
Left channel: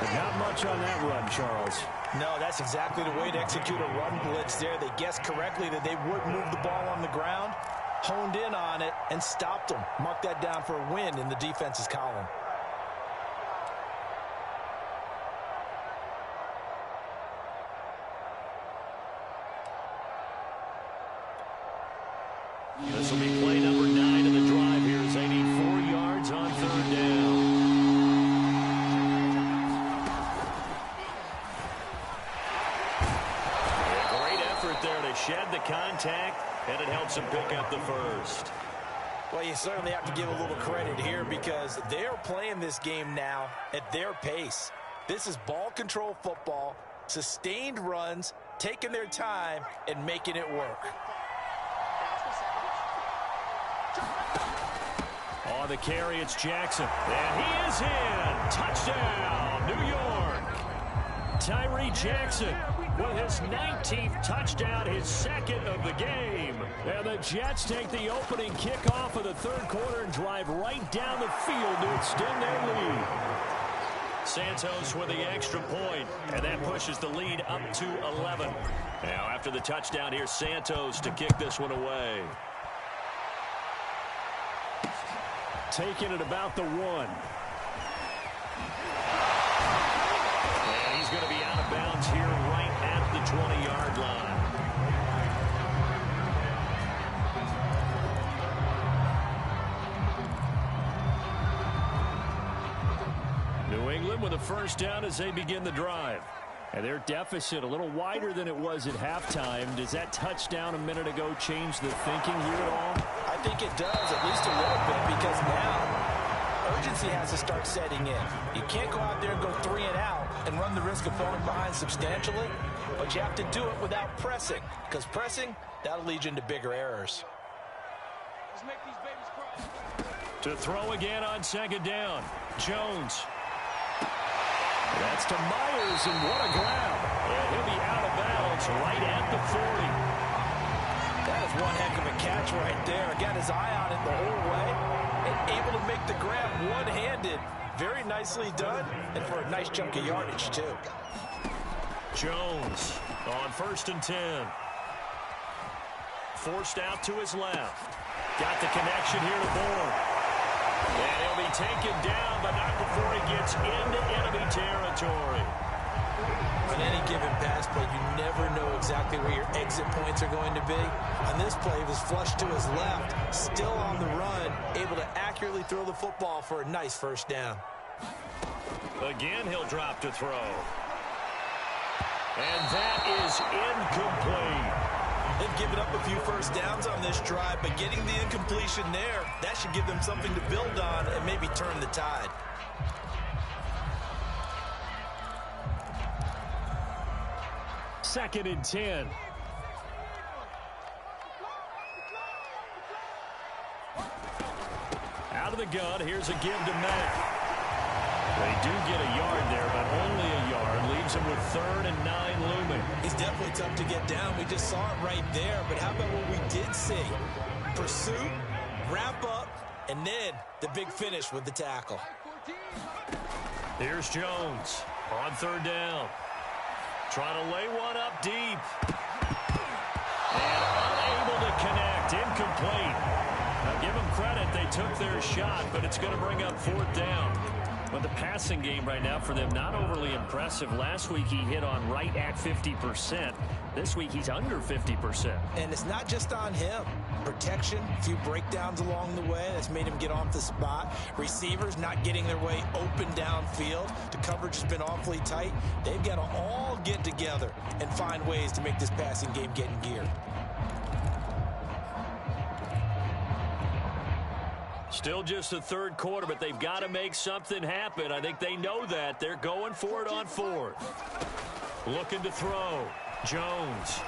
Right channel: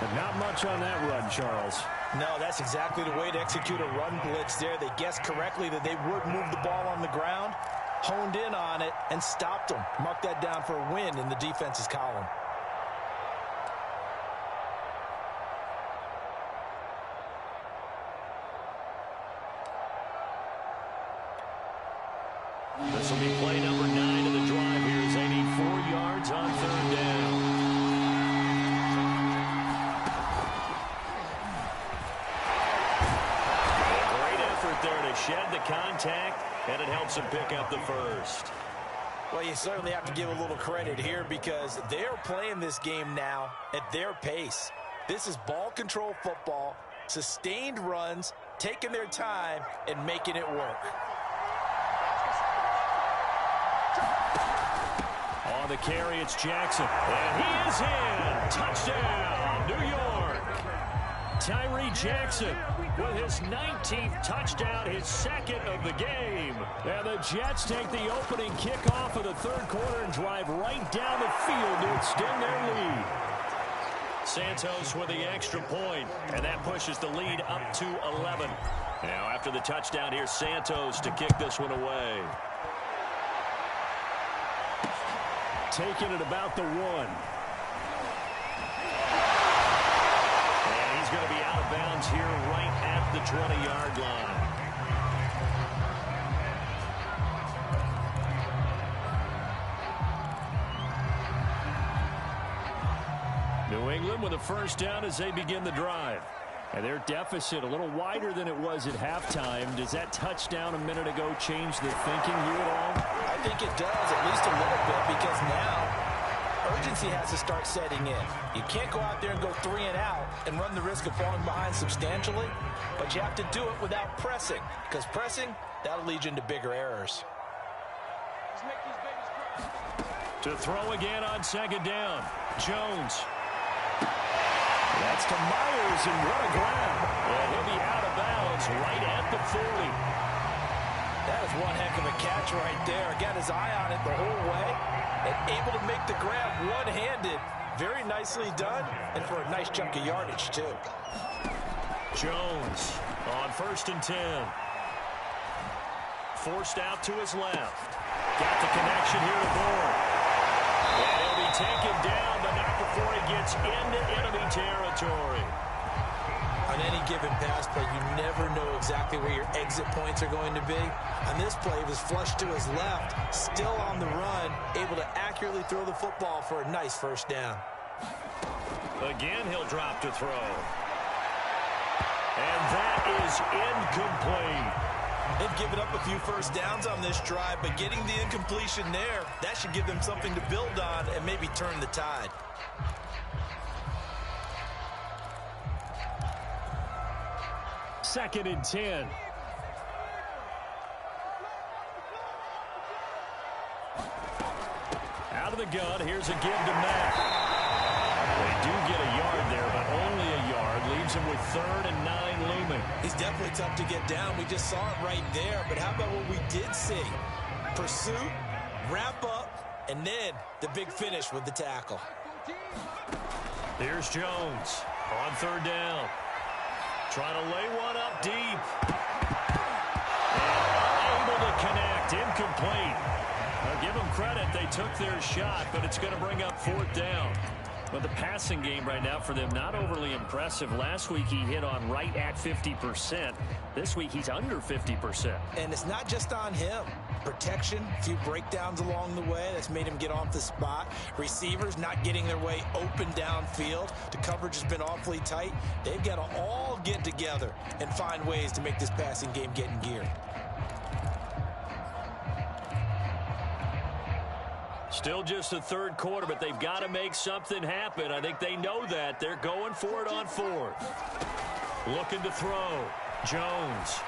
But not much on that run, Charles. No, that's exactly the way to execute a run blitz there. They guessed correctly that they would move the ball on the ground, honed in on it, and stopped them. Mark that down for a win in the defense's column. This will be play number 9 of the drive here as they need 4 yards on 3rd down. There to shed the contact, and it helps him pick up the first. Well, you certainly have to give a little credit here because they're playing this game now at their pace. This is ball control football, sustained runs, taking their time, and making it work. On the carry, it's Jackson. And he is in. Touchdown, New York. Tyree Jackson with his 19th touchdown, his second of the game. And the Jets take the opening kickoff of the third quarter and drive right down the field to extend their lead. Santos with the extra point, and that pushes the lead up to 11. Now after the touchdown, here's Santos to kick this one away. Taking it about the 1. And he's going to be out of bounds here right at the 20-yard line. New England with a first down as they begin the drive. And their deficit a little wider than it was at halftime. Does that touchdown a minute ago change the thinking here at all? I think it does, at least a little bit, because now urgency has to start setting in. You can't go out there and go 3 and out and run the risk of falling behind substantially, but you have to do it without pressing, because pressing, that'll lead you into bigger errors. Let's make these babies cry. To throw again on second down. Jones. That's to Myers, and what a grab. And he'll be out of bounds right at the 40. That is one heck of a catch right there. Got his eye on it the whole way and able to make the grab one-handed. Very nicely done, and for a nice chunk of yardage, too. Jones on 1st and 10. Forced out to his left. Got the connection here to Bourne. And he'll be taken down, but not before he gets into enemy territory. On any given pass play, you never know exactly where your exit points are going to be. On this play, he was flushed to his left, still on the run, able to accurately throw the football for a nice first down. Again, he'll drop to throw. And that is incomplete. They've given up a few first downs on this drive, but getting the incompletion there, that should give them something to build on and maybe turn the tide. Second and 10. Out of the gun, here's a give to Mack. They do get a yard there, but only a yard. Leaves him with 3rd and 9 looming. He's definitely tough to get down. We just saw it right there. But how about what we did see? Pursuit, wrap up, and then the big finish with the tackle. Here's Jones on 3rd down. Trying to lay one up deep. And unable to connect. Incomplete. Now give them credit. They took their shot, but it's going to bring up 4th down. But the passing game right now for them, not overly impressive. Last week he hit on right at 50%. This week he's under 50%. And it's not just on him. Protection, a few breakdowns along the way. That's made him get off the spot. Receivers not getting their way open downfield. The coverage has been awfully tight. They've got to all get together and find ways to make this passing game get in gear. Still just the 3rd quarter, but they've got to make something happen. I think they know that. They're going for it on 4th. Looking to throw. Jones.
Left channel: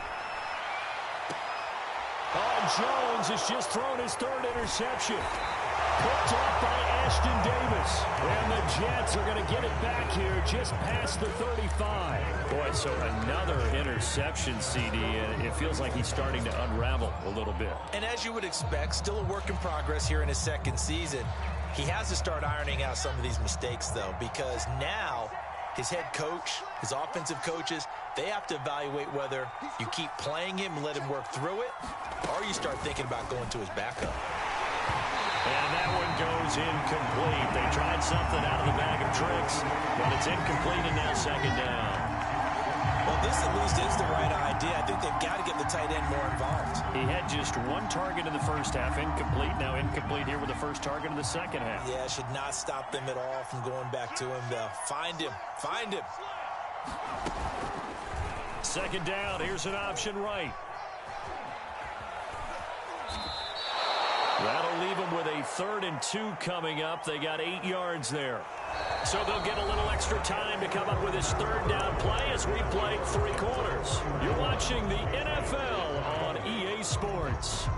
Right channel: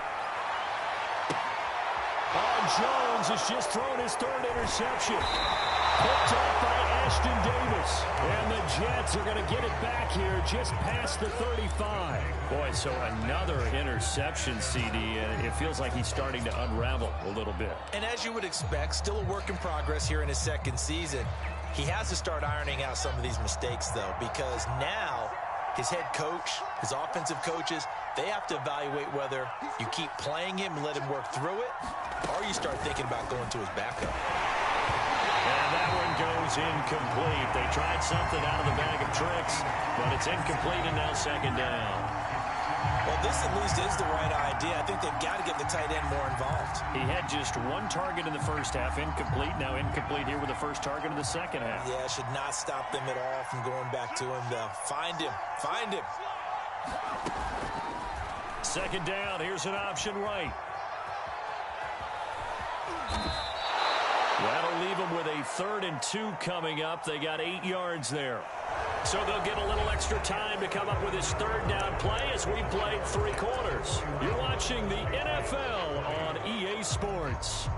Oh, Jones has just thrown his 3rd interception. Picked up by Ashton Davis. And the Jets are going to get it back here just past the 35. Boy, so another interception, CD. It feels like he's starting to unravel a little bit. And as you would expect, still a work in progress here in his 2nd season. He has to start ironing out some of these mistakes, though, because now his head coach, his offensive coaches, they have to evaluate whether you keep playing him and let him work through it, or you start thinking about going to his backup. And that one goes incomplete. They tried something out of the bag of tricks, but it's incomplete and now 2nd down. Well, this at least is the right idea. I think they've got to get the tight end more involved. He had just 1 target in the first half, incomplete. Now incomplete here with the first target in the second half. Yeah, should not stop them at all from going back to him, though. Find him. Find him. 2nd down. Here's an option right. That'll leave them with a 3rd and 2 coming up. They got 8 yards there. So they'll get a little extra time to come up with his 3rd down play as we played 3 quarters. You're watching the NFL on EA Sports.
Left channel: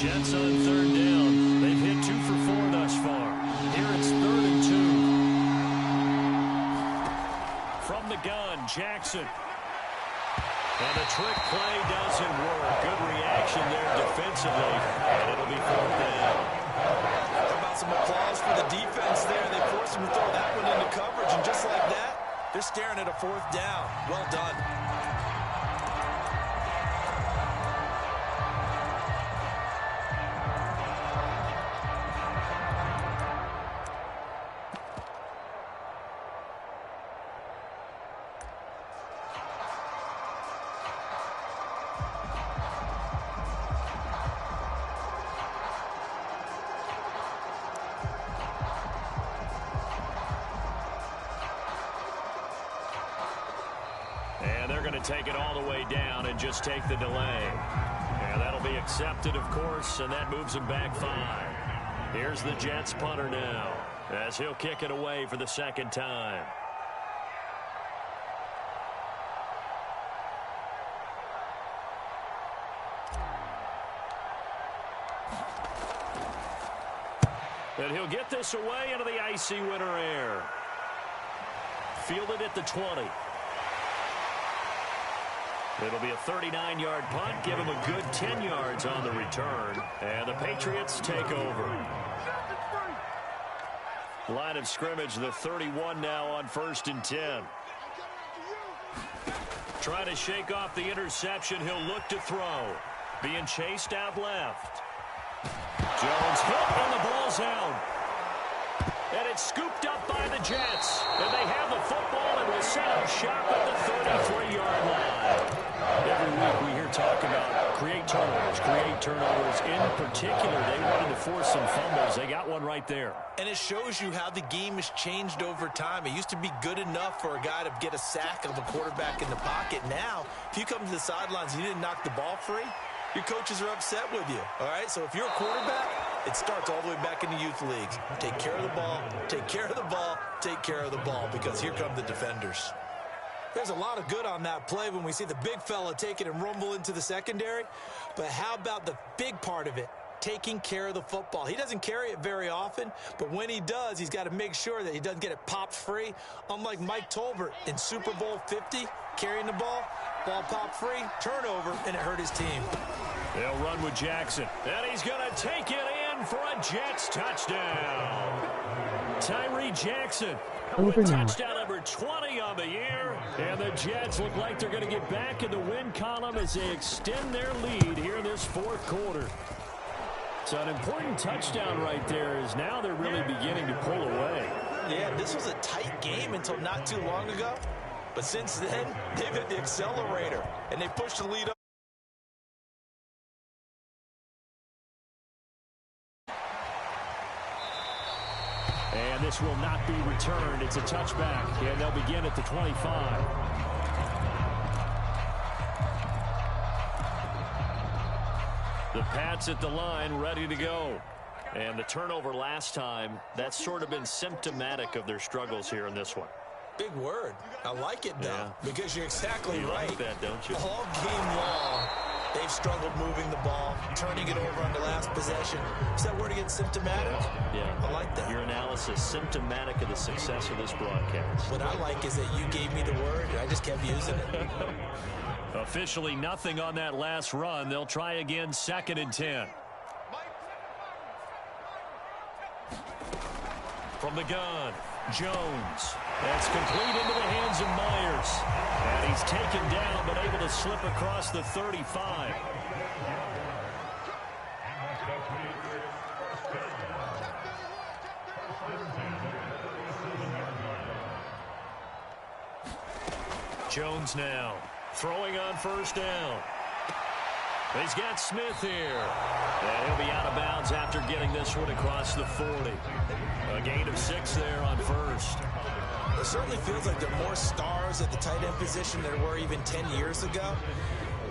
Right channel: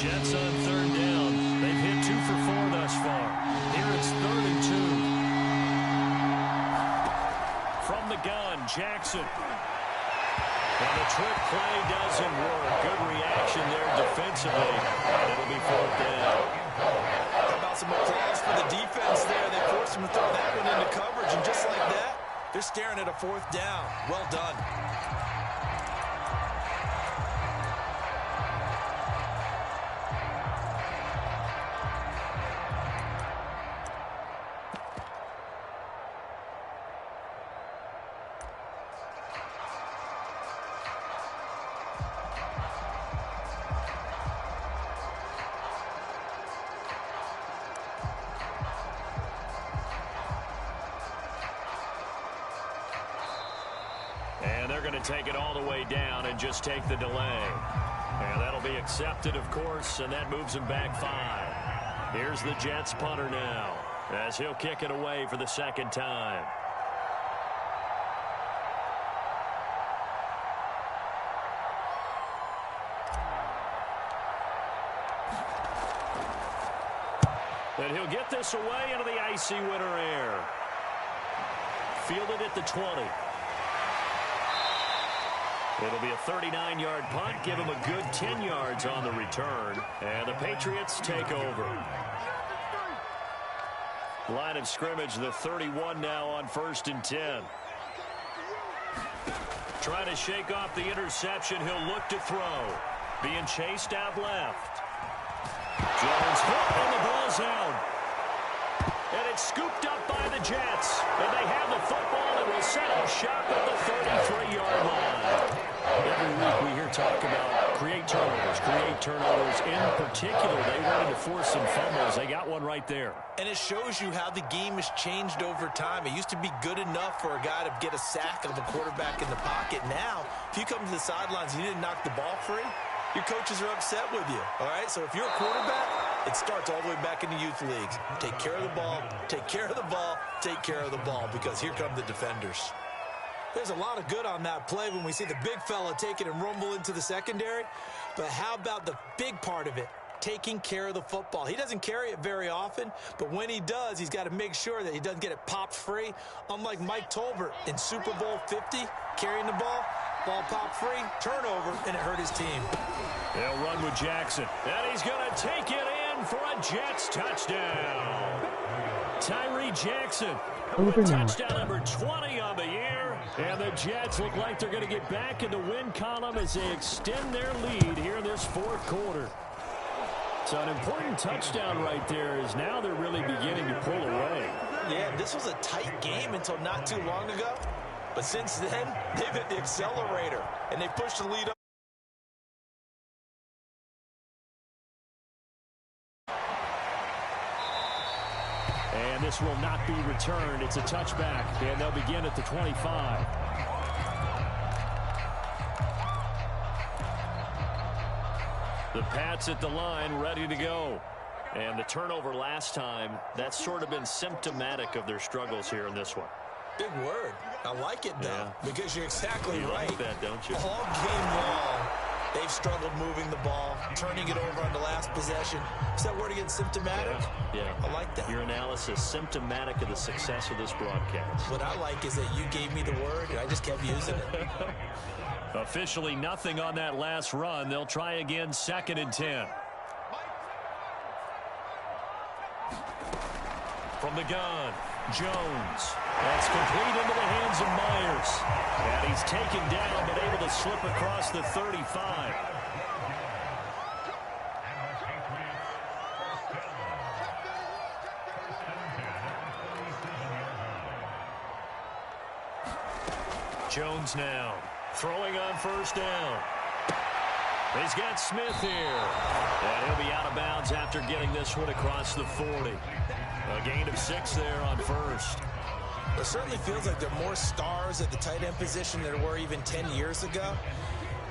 Jets on third down. They've hit 2 for 4 thus far. Here it's 3rd and 2. From the gun, Jackson. And the trick play doesn't work. Good reaction there defensively, and it'll be 4th down. How about some applause for the defense there? They forced him to throw that one into coverage, and just like that, they're staring at a 4th down. Well done. And they're going to take it all the way down and just take the delay. And that'll be accepted, of course, and that moves them back 5. Here's the Jets punter now, as he'll kick it away for the 2nd time. And he'll get this away into the icy winter air. Fielded at the 20. It'll be a 39-yard punt. Give him a good 10 yards on the return. And the Patriots take over. Line of scrimmage, the 31 now on 1st and 10. Trying to shake off the interception. He'll look to throw. Being chased out left. Jones hit and the ball's out. And it's scooped up by the Jets. And they have the football and will set up shop at the 33-yard line. Every week we hear talk about create turnovers. In particular, they wanted to force some fumbles. They got one right there. And it shows you how the game has changed over time. It used to be good enough for a guy to get a sack of a quarterback in the pocket. Now, if you come to the sidelines and you didn't knock the ball free, your coaches are upset with you. All right, so if you're a quarterback, it starts all the way back in the youth leagues. Take care of the ball, take care of the ball, take care of the ball, because here come the defenders. There's a lot of good on that play when we see the big fella take it and rumble into the secondary. But how about the big part of it? Taking care of the football. He doesn't carry it very often, but when he does, he's got to make sure that he doesn't get it popped free. Unlike Mike Tolbert in Super Bowl 50, carrying the ball popped free, turnover, and it hurt his team. They'll run with Jackson, and he's going to take it in for a Jets touchdown. Tyree Jackson with touchdown number 20 on the year, and the Jets look like they're going to get back in the win column as they extend their lead here in this 4th quarter. So an important touchdown right there, is now they're really beginning to pull away. Yeah, this was a tight game until not too long ago. But since then, they've hit the accelerator, and they pushed the lead up. And this will not be returned. It's a touchback, and they'll begin at the 25. The Pats at the line, ready to go. And the turnover last time, that's sort of been symptomatic of their struggles here in this one. Big word. I like it, though, because you're exactly right. Like that, don't you? All game long, they've struggled moving the ball, turning it over on the last possession. Is that word again, symptomatic? Yeah. I like that. Your analysis, symptomatic of the success of this broadcast. What I like is that you gave me the word, and I just kept using it. Officially nothing on that last run. They'll try again, 2nd and 10. From the gun, Jones. That's complete into the hands of Myers. And he's taken down, but able to slip across the 35. Jones now throwing on 1st down. He's got Smith here. And he'll be out of bounds after getting this one across the 40. A gain of 6 there on 1st. It certainly feels like there are more stars at the tight end position than there were even 10 years ago.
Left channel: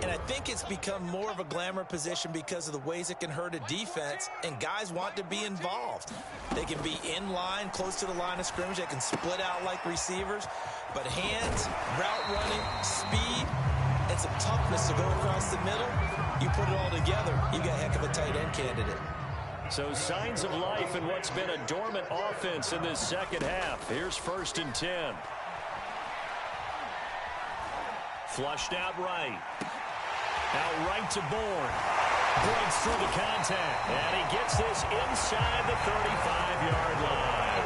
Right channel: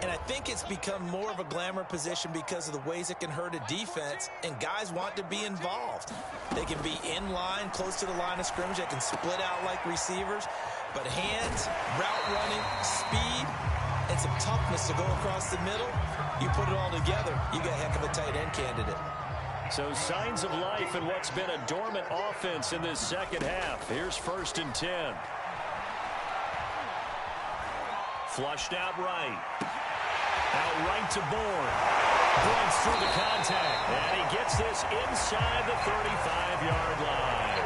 And I think it's become more of a glamour position because of the ways it can hurt a defense, and guys want to be involved. They can be in line, close to the line of scrimmage. They can split out like receivers. But hands, route running, speed, and some toughness to go across the middle, you put it all together, you got a heck of a tight end candidate. So signs of life in what's been a dormant offense in this second half. Here's 1st and 10. Flushed out right. Out right to Bourne. Breaks through the contact. And he gets this inside the 35-yard line.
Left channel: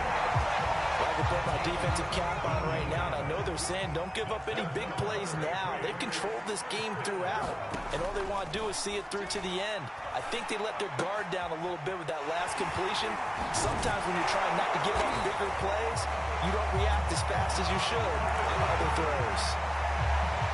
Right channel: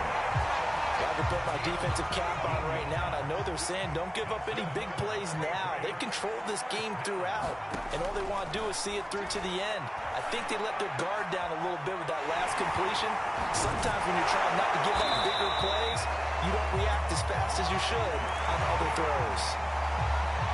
Well, I can put my defensive cap on right now, and I know they're saying don't give up any big plays now. They've controlled this game throughout, and all they want to do is see it through to the end. I think they let their guard down a little bit with that last completion. Sometimes when you're trying not to give up bigger plays, you don't react as fast as you should on other throws.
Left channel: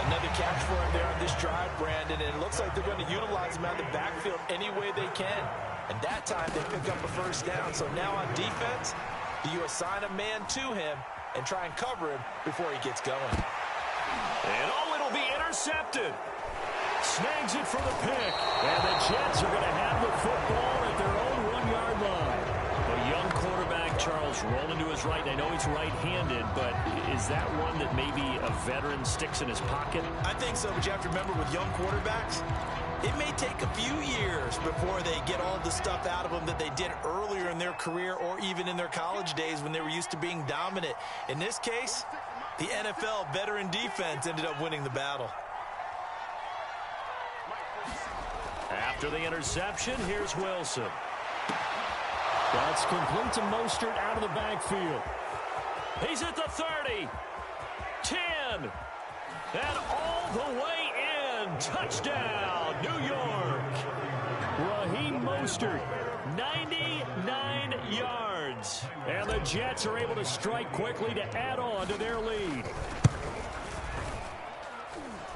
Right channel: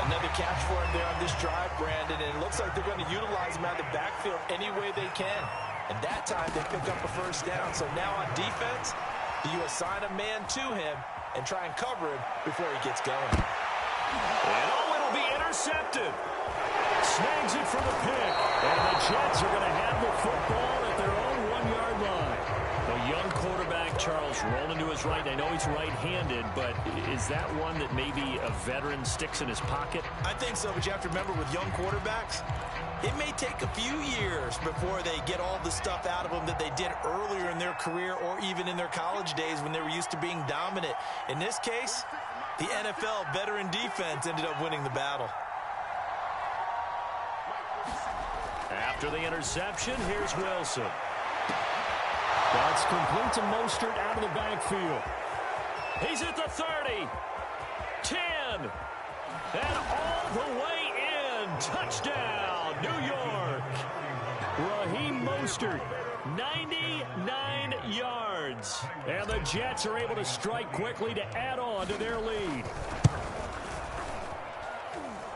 Another catch for him there on this drive, Brandon, and it looks like they're going to utilize him out of the backfield any way they can. And that time they pick up a first down. So now on defense, do you assign a man to him and try and cover him before he gets going? And it'll be intercepted. Snags it for the pick. And the Jets are going to have the football at their own 1-yard line. A young quarterback, Charles, rolling to his right. I know he's right-handed, but is that one that maybe a veteran sticks in his pocket? I think so, but you have to remember with young quarterbacks, it may take a few years before they get all the stuff out of them that they did earlier in their career or even in their college days when they were used to being dominant. In this case, the NFL veteran defense ended up winning the battle. After the interception, here's Wilson. That's complete to Mostert out of the backfield. He's at the 30. 10. And all the way in. Touchdown, New York. Raheem Mostert, 99 yards. And the Jets are able to strike quickly to add on to their lead.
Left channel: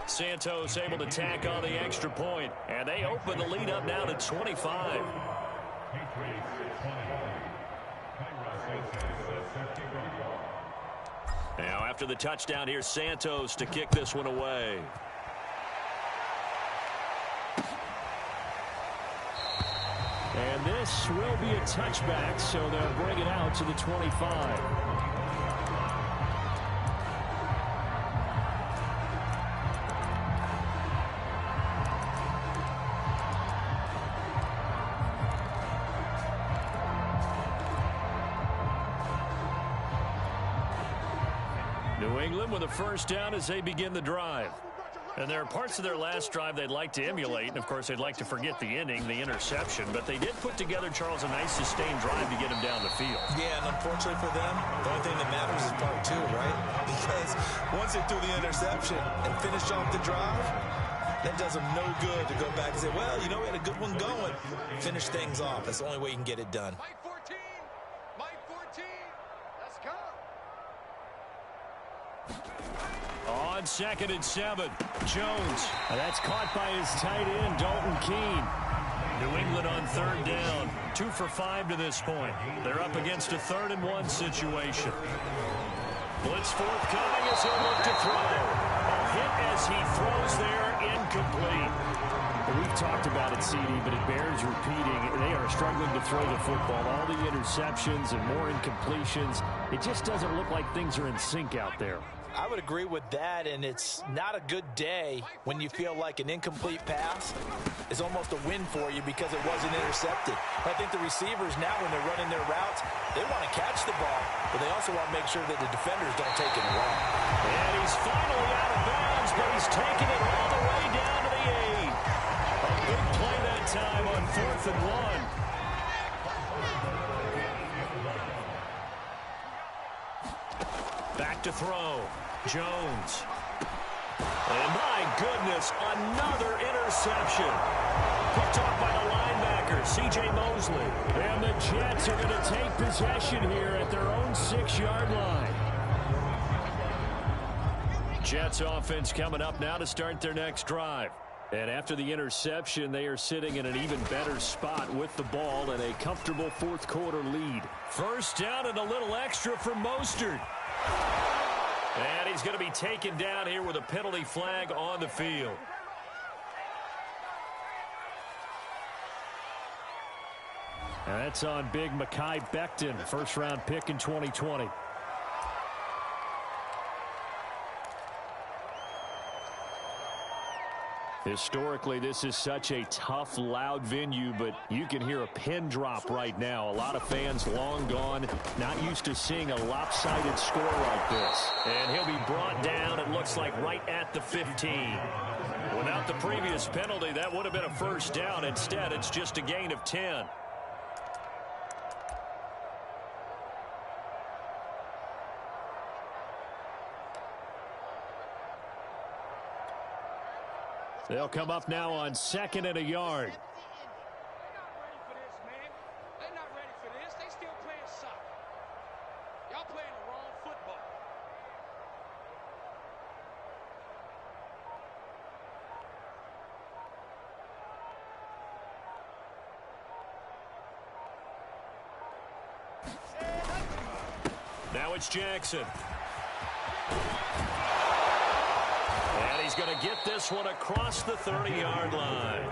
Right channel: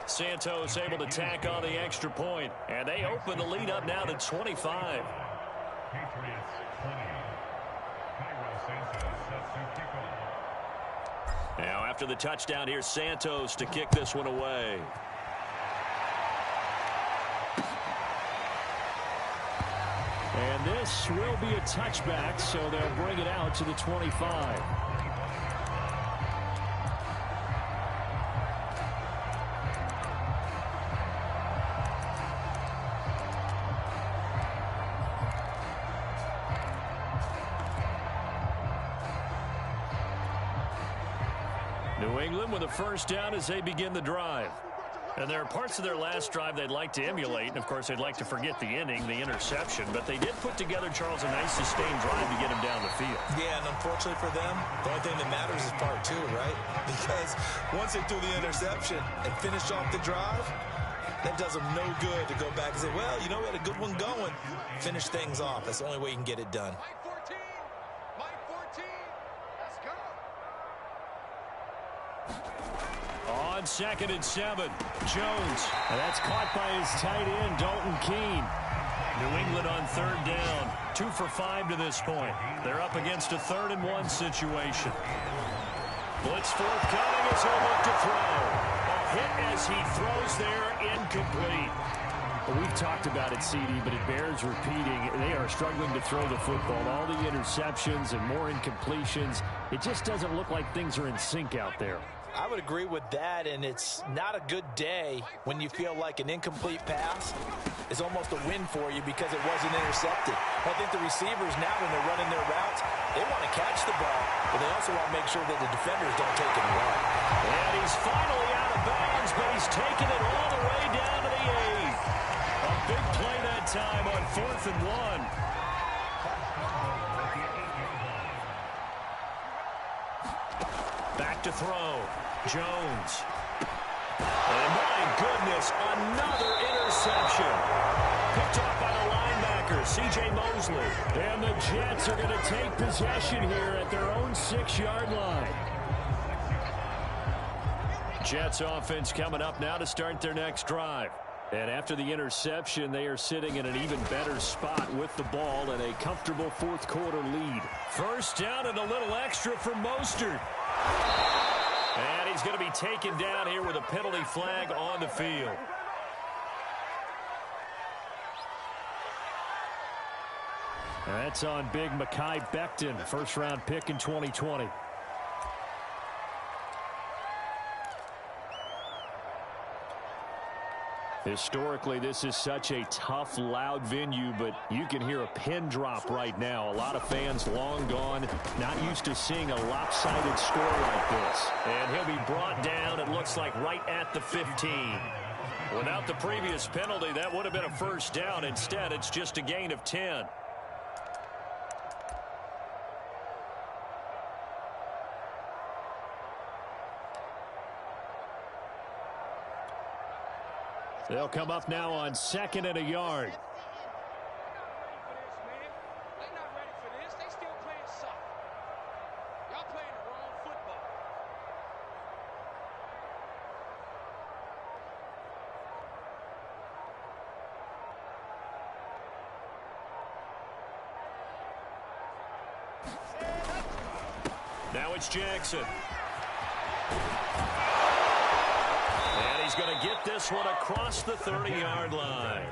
Santos able to tack on the extra point. And they open the lead up now to 25. Now after the touchdown, here's Santos to kick this one away. And this will be a touchback, so they'll bring it out to the 25. New England with a first down as they begin the drive. And there are parts of their last drive they'd like to emulate. And, of course, they'd like to forget the inning, the interception. But they did put together, Charles, a nice sustained drive to get him down the field. Yeah, and unfortunately for them, the only thing that matters is part 2, right? Because once they threw the interception and finished off the drive, that does them no good to go back and say, well, you know, we had a good one going. Finish things off. That's the only way you can get it done. Mike 14. Mike 14. Let's go. On 2nd and 7, Jones. And that's caught by his tight end, Dalton Keene. New England on 3rd down. 2 for 5 to this point. They're up against a 3rd and 1 situation. Blitz forthcoming as he'll look to throw. A hit as he throws there, incomplete. Well, we've talked about it, CD, but it bears repeating. They are struggling to throw the football. All the interceptions and more incompletions. It just doesn't look like things are in sync out there. I would agree with that, and it's not a good day when you feel like an incomplete pass is almost a win for you because it wasn't intercepted. I think the receivers now, when they're running their routes, they want to catch the ball, but they also want to make sure that the defenders don't take it away. And he's finally out of bounds, but he's taken it all the way down to the 8. A big play that time on 4th and 1. Back to throw. Jones. And my goodness, another interception. Picked off by the linebacker, C.J. Mosley. And the Jets are going to take possession here at their own 6-yard line. Jets offense coming up now to start their next drive. And after the interception, they are sitting in an even better spot with the ball and a comfortable 4th quarter lead. First down and a little extra for Mostert. And he's going to be taken down here with a penalty flag on the field. And that's on big Mekhi Becton, first-round pick in 2020. Historically, this is such a tough, loud venue, but you can hear a pin drop right now. A lot of fans long gone, not used to seeing a lopsided score like this. And he'll be brought down, it looks like, right at the 15. Without the previous penalty, that would have been a first down. Instead, it's just a gain of 10. They'll come up now on 2nd and a yard. They're not ready for this, man. They're not ready for this. They still playing soccer. Y'all playing the wrong football. Now it's Jackson. And he's going to get this one across the 30-yard line.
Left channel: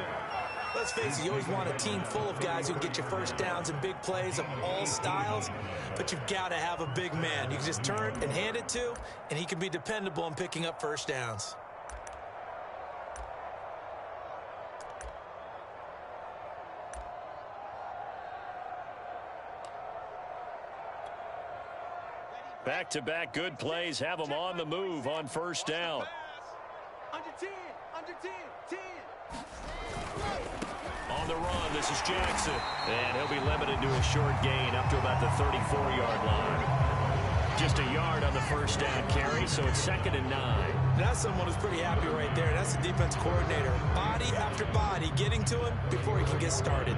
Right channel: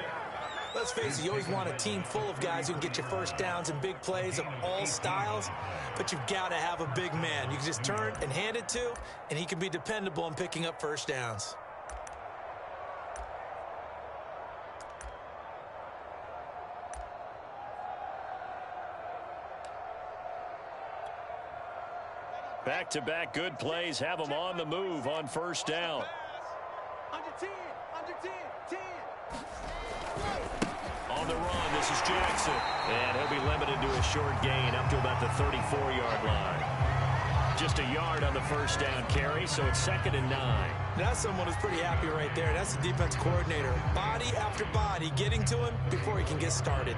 Let's face it, you always want a team full of guys who can get you first downs and big plays of all styles, but you've got to have a big man you can just turn and hand it to, and he can be dependable in picking up first downs. Back-to-back good plays have them on the move on first down. Under 10, under 10, 10. On the run, this is Jackson. And he'll be limited to a short gain up to about the 34-yard line. Just a yard on the first down carry, so it's 2nd and 9. That's someone who's pretty happy right there. That's the defense coordinator. Body after body getting to him before he can get started.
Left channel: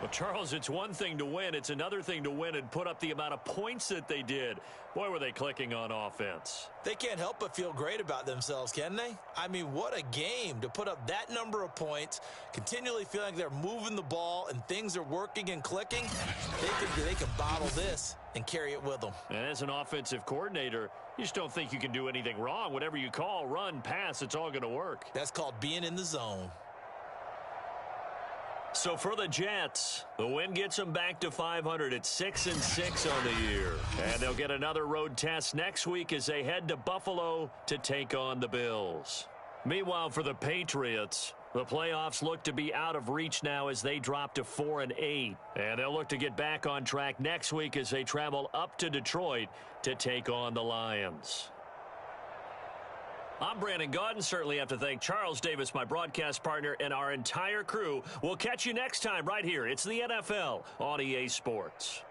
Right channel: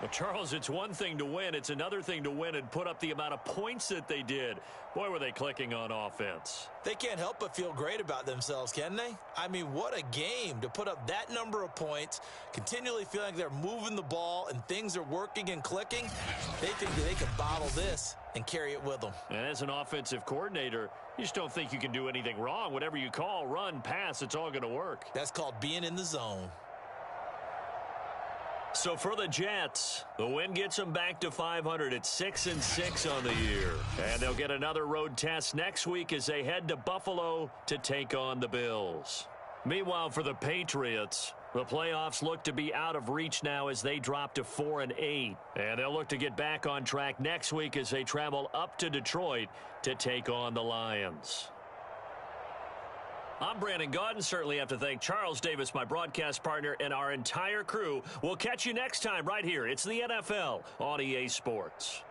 Well, Charles, it's one thing to win. It's another thing to win and put up the amount of points that they did. Boy, were they clicking on offense. They can't help but feel great about themselves, can they? I mean, what a game to put up that number of points, continually feeling like they're moving the ball and things are working and clicking. They think that they can bottle this and carry it with them. And as an offensive coordinator, you just don't think you can do anything wrong. Whatever you call, run, pass, it's all going to work. That's called being in the zone. So for the Jets, the win gets them back to 500 at 6-6 on the year. And they'll get another road test next week as they head to Buffalo to take on the Bills. Meanwhile, for the Patriots, the playoffs look to be out of reach now as they drop to 4-8. And they'll look to get back on track next week as they travel up to Detroit to take on the Lions. I'm Brandon Gaudin. Certainly have to thank Charles Davis, my broadcast partner, and our entire crew. We'll catch you next time right here. It's the NFL on EA Sports.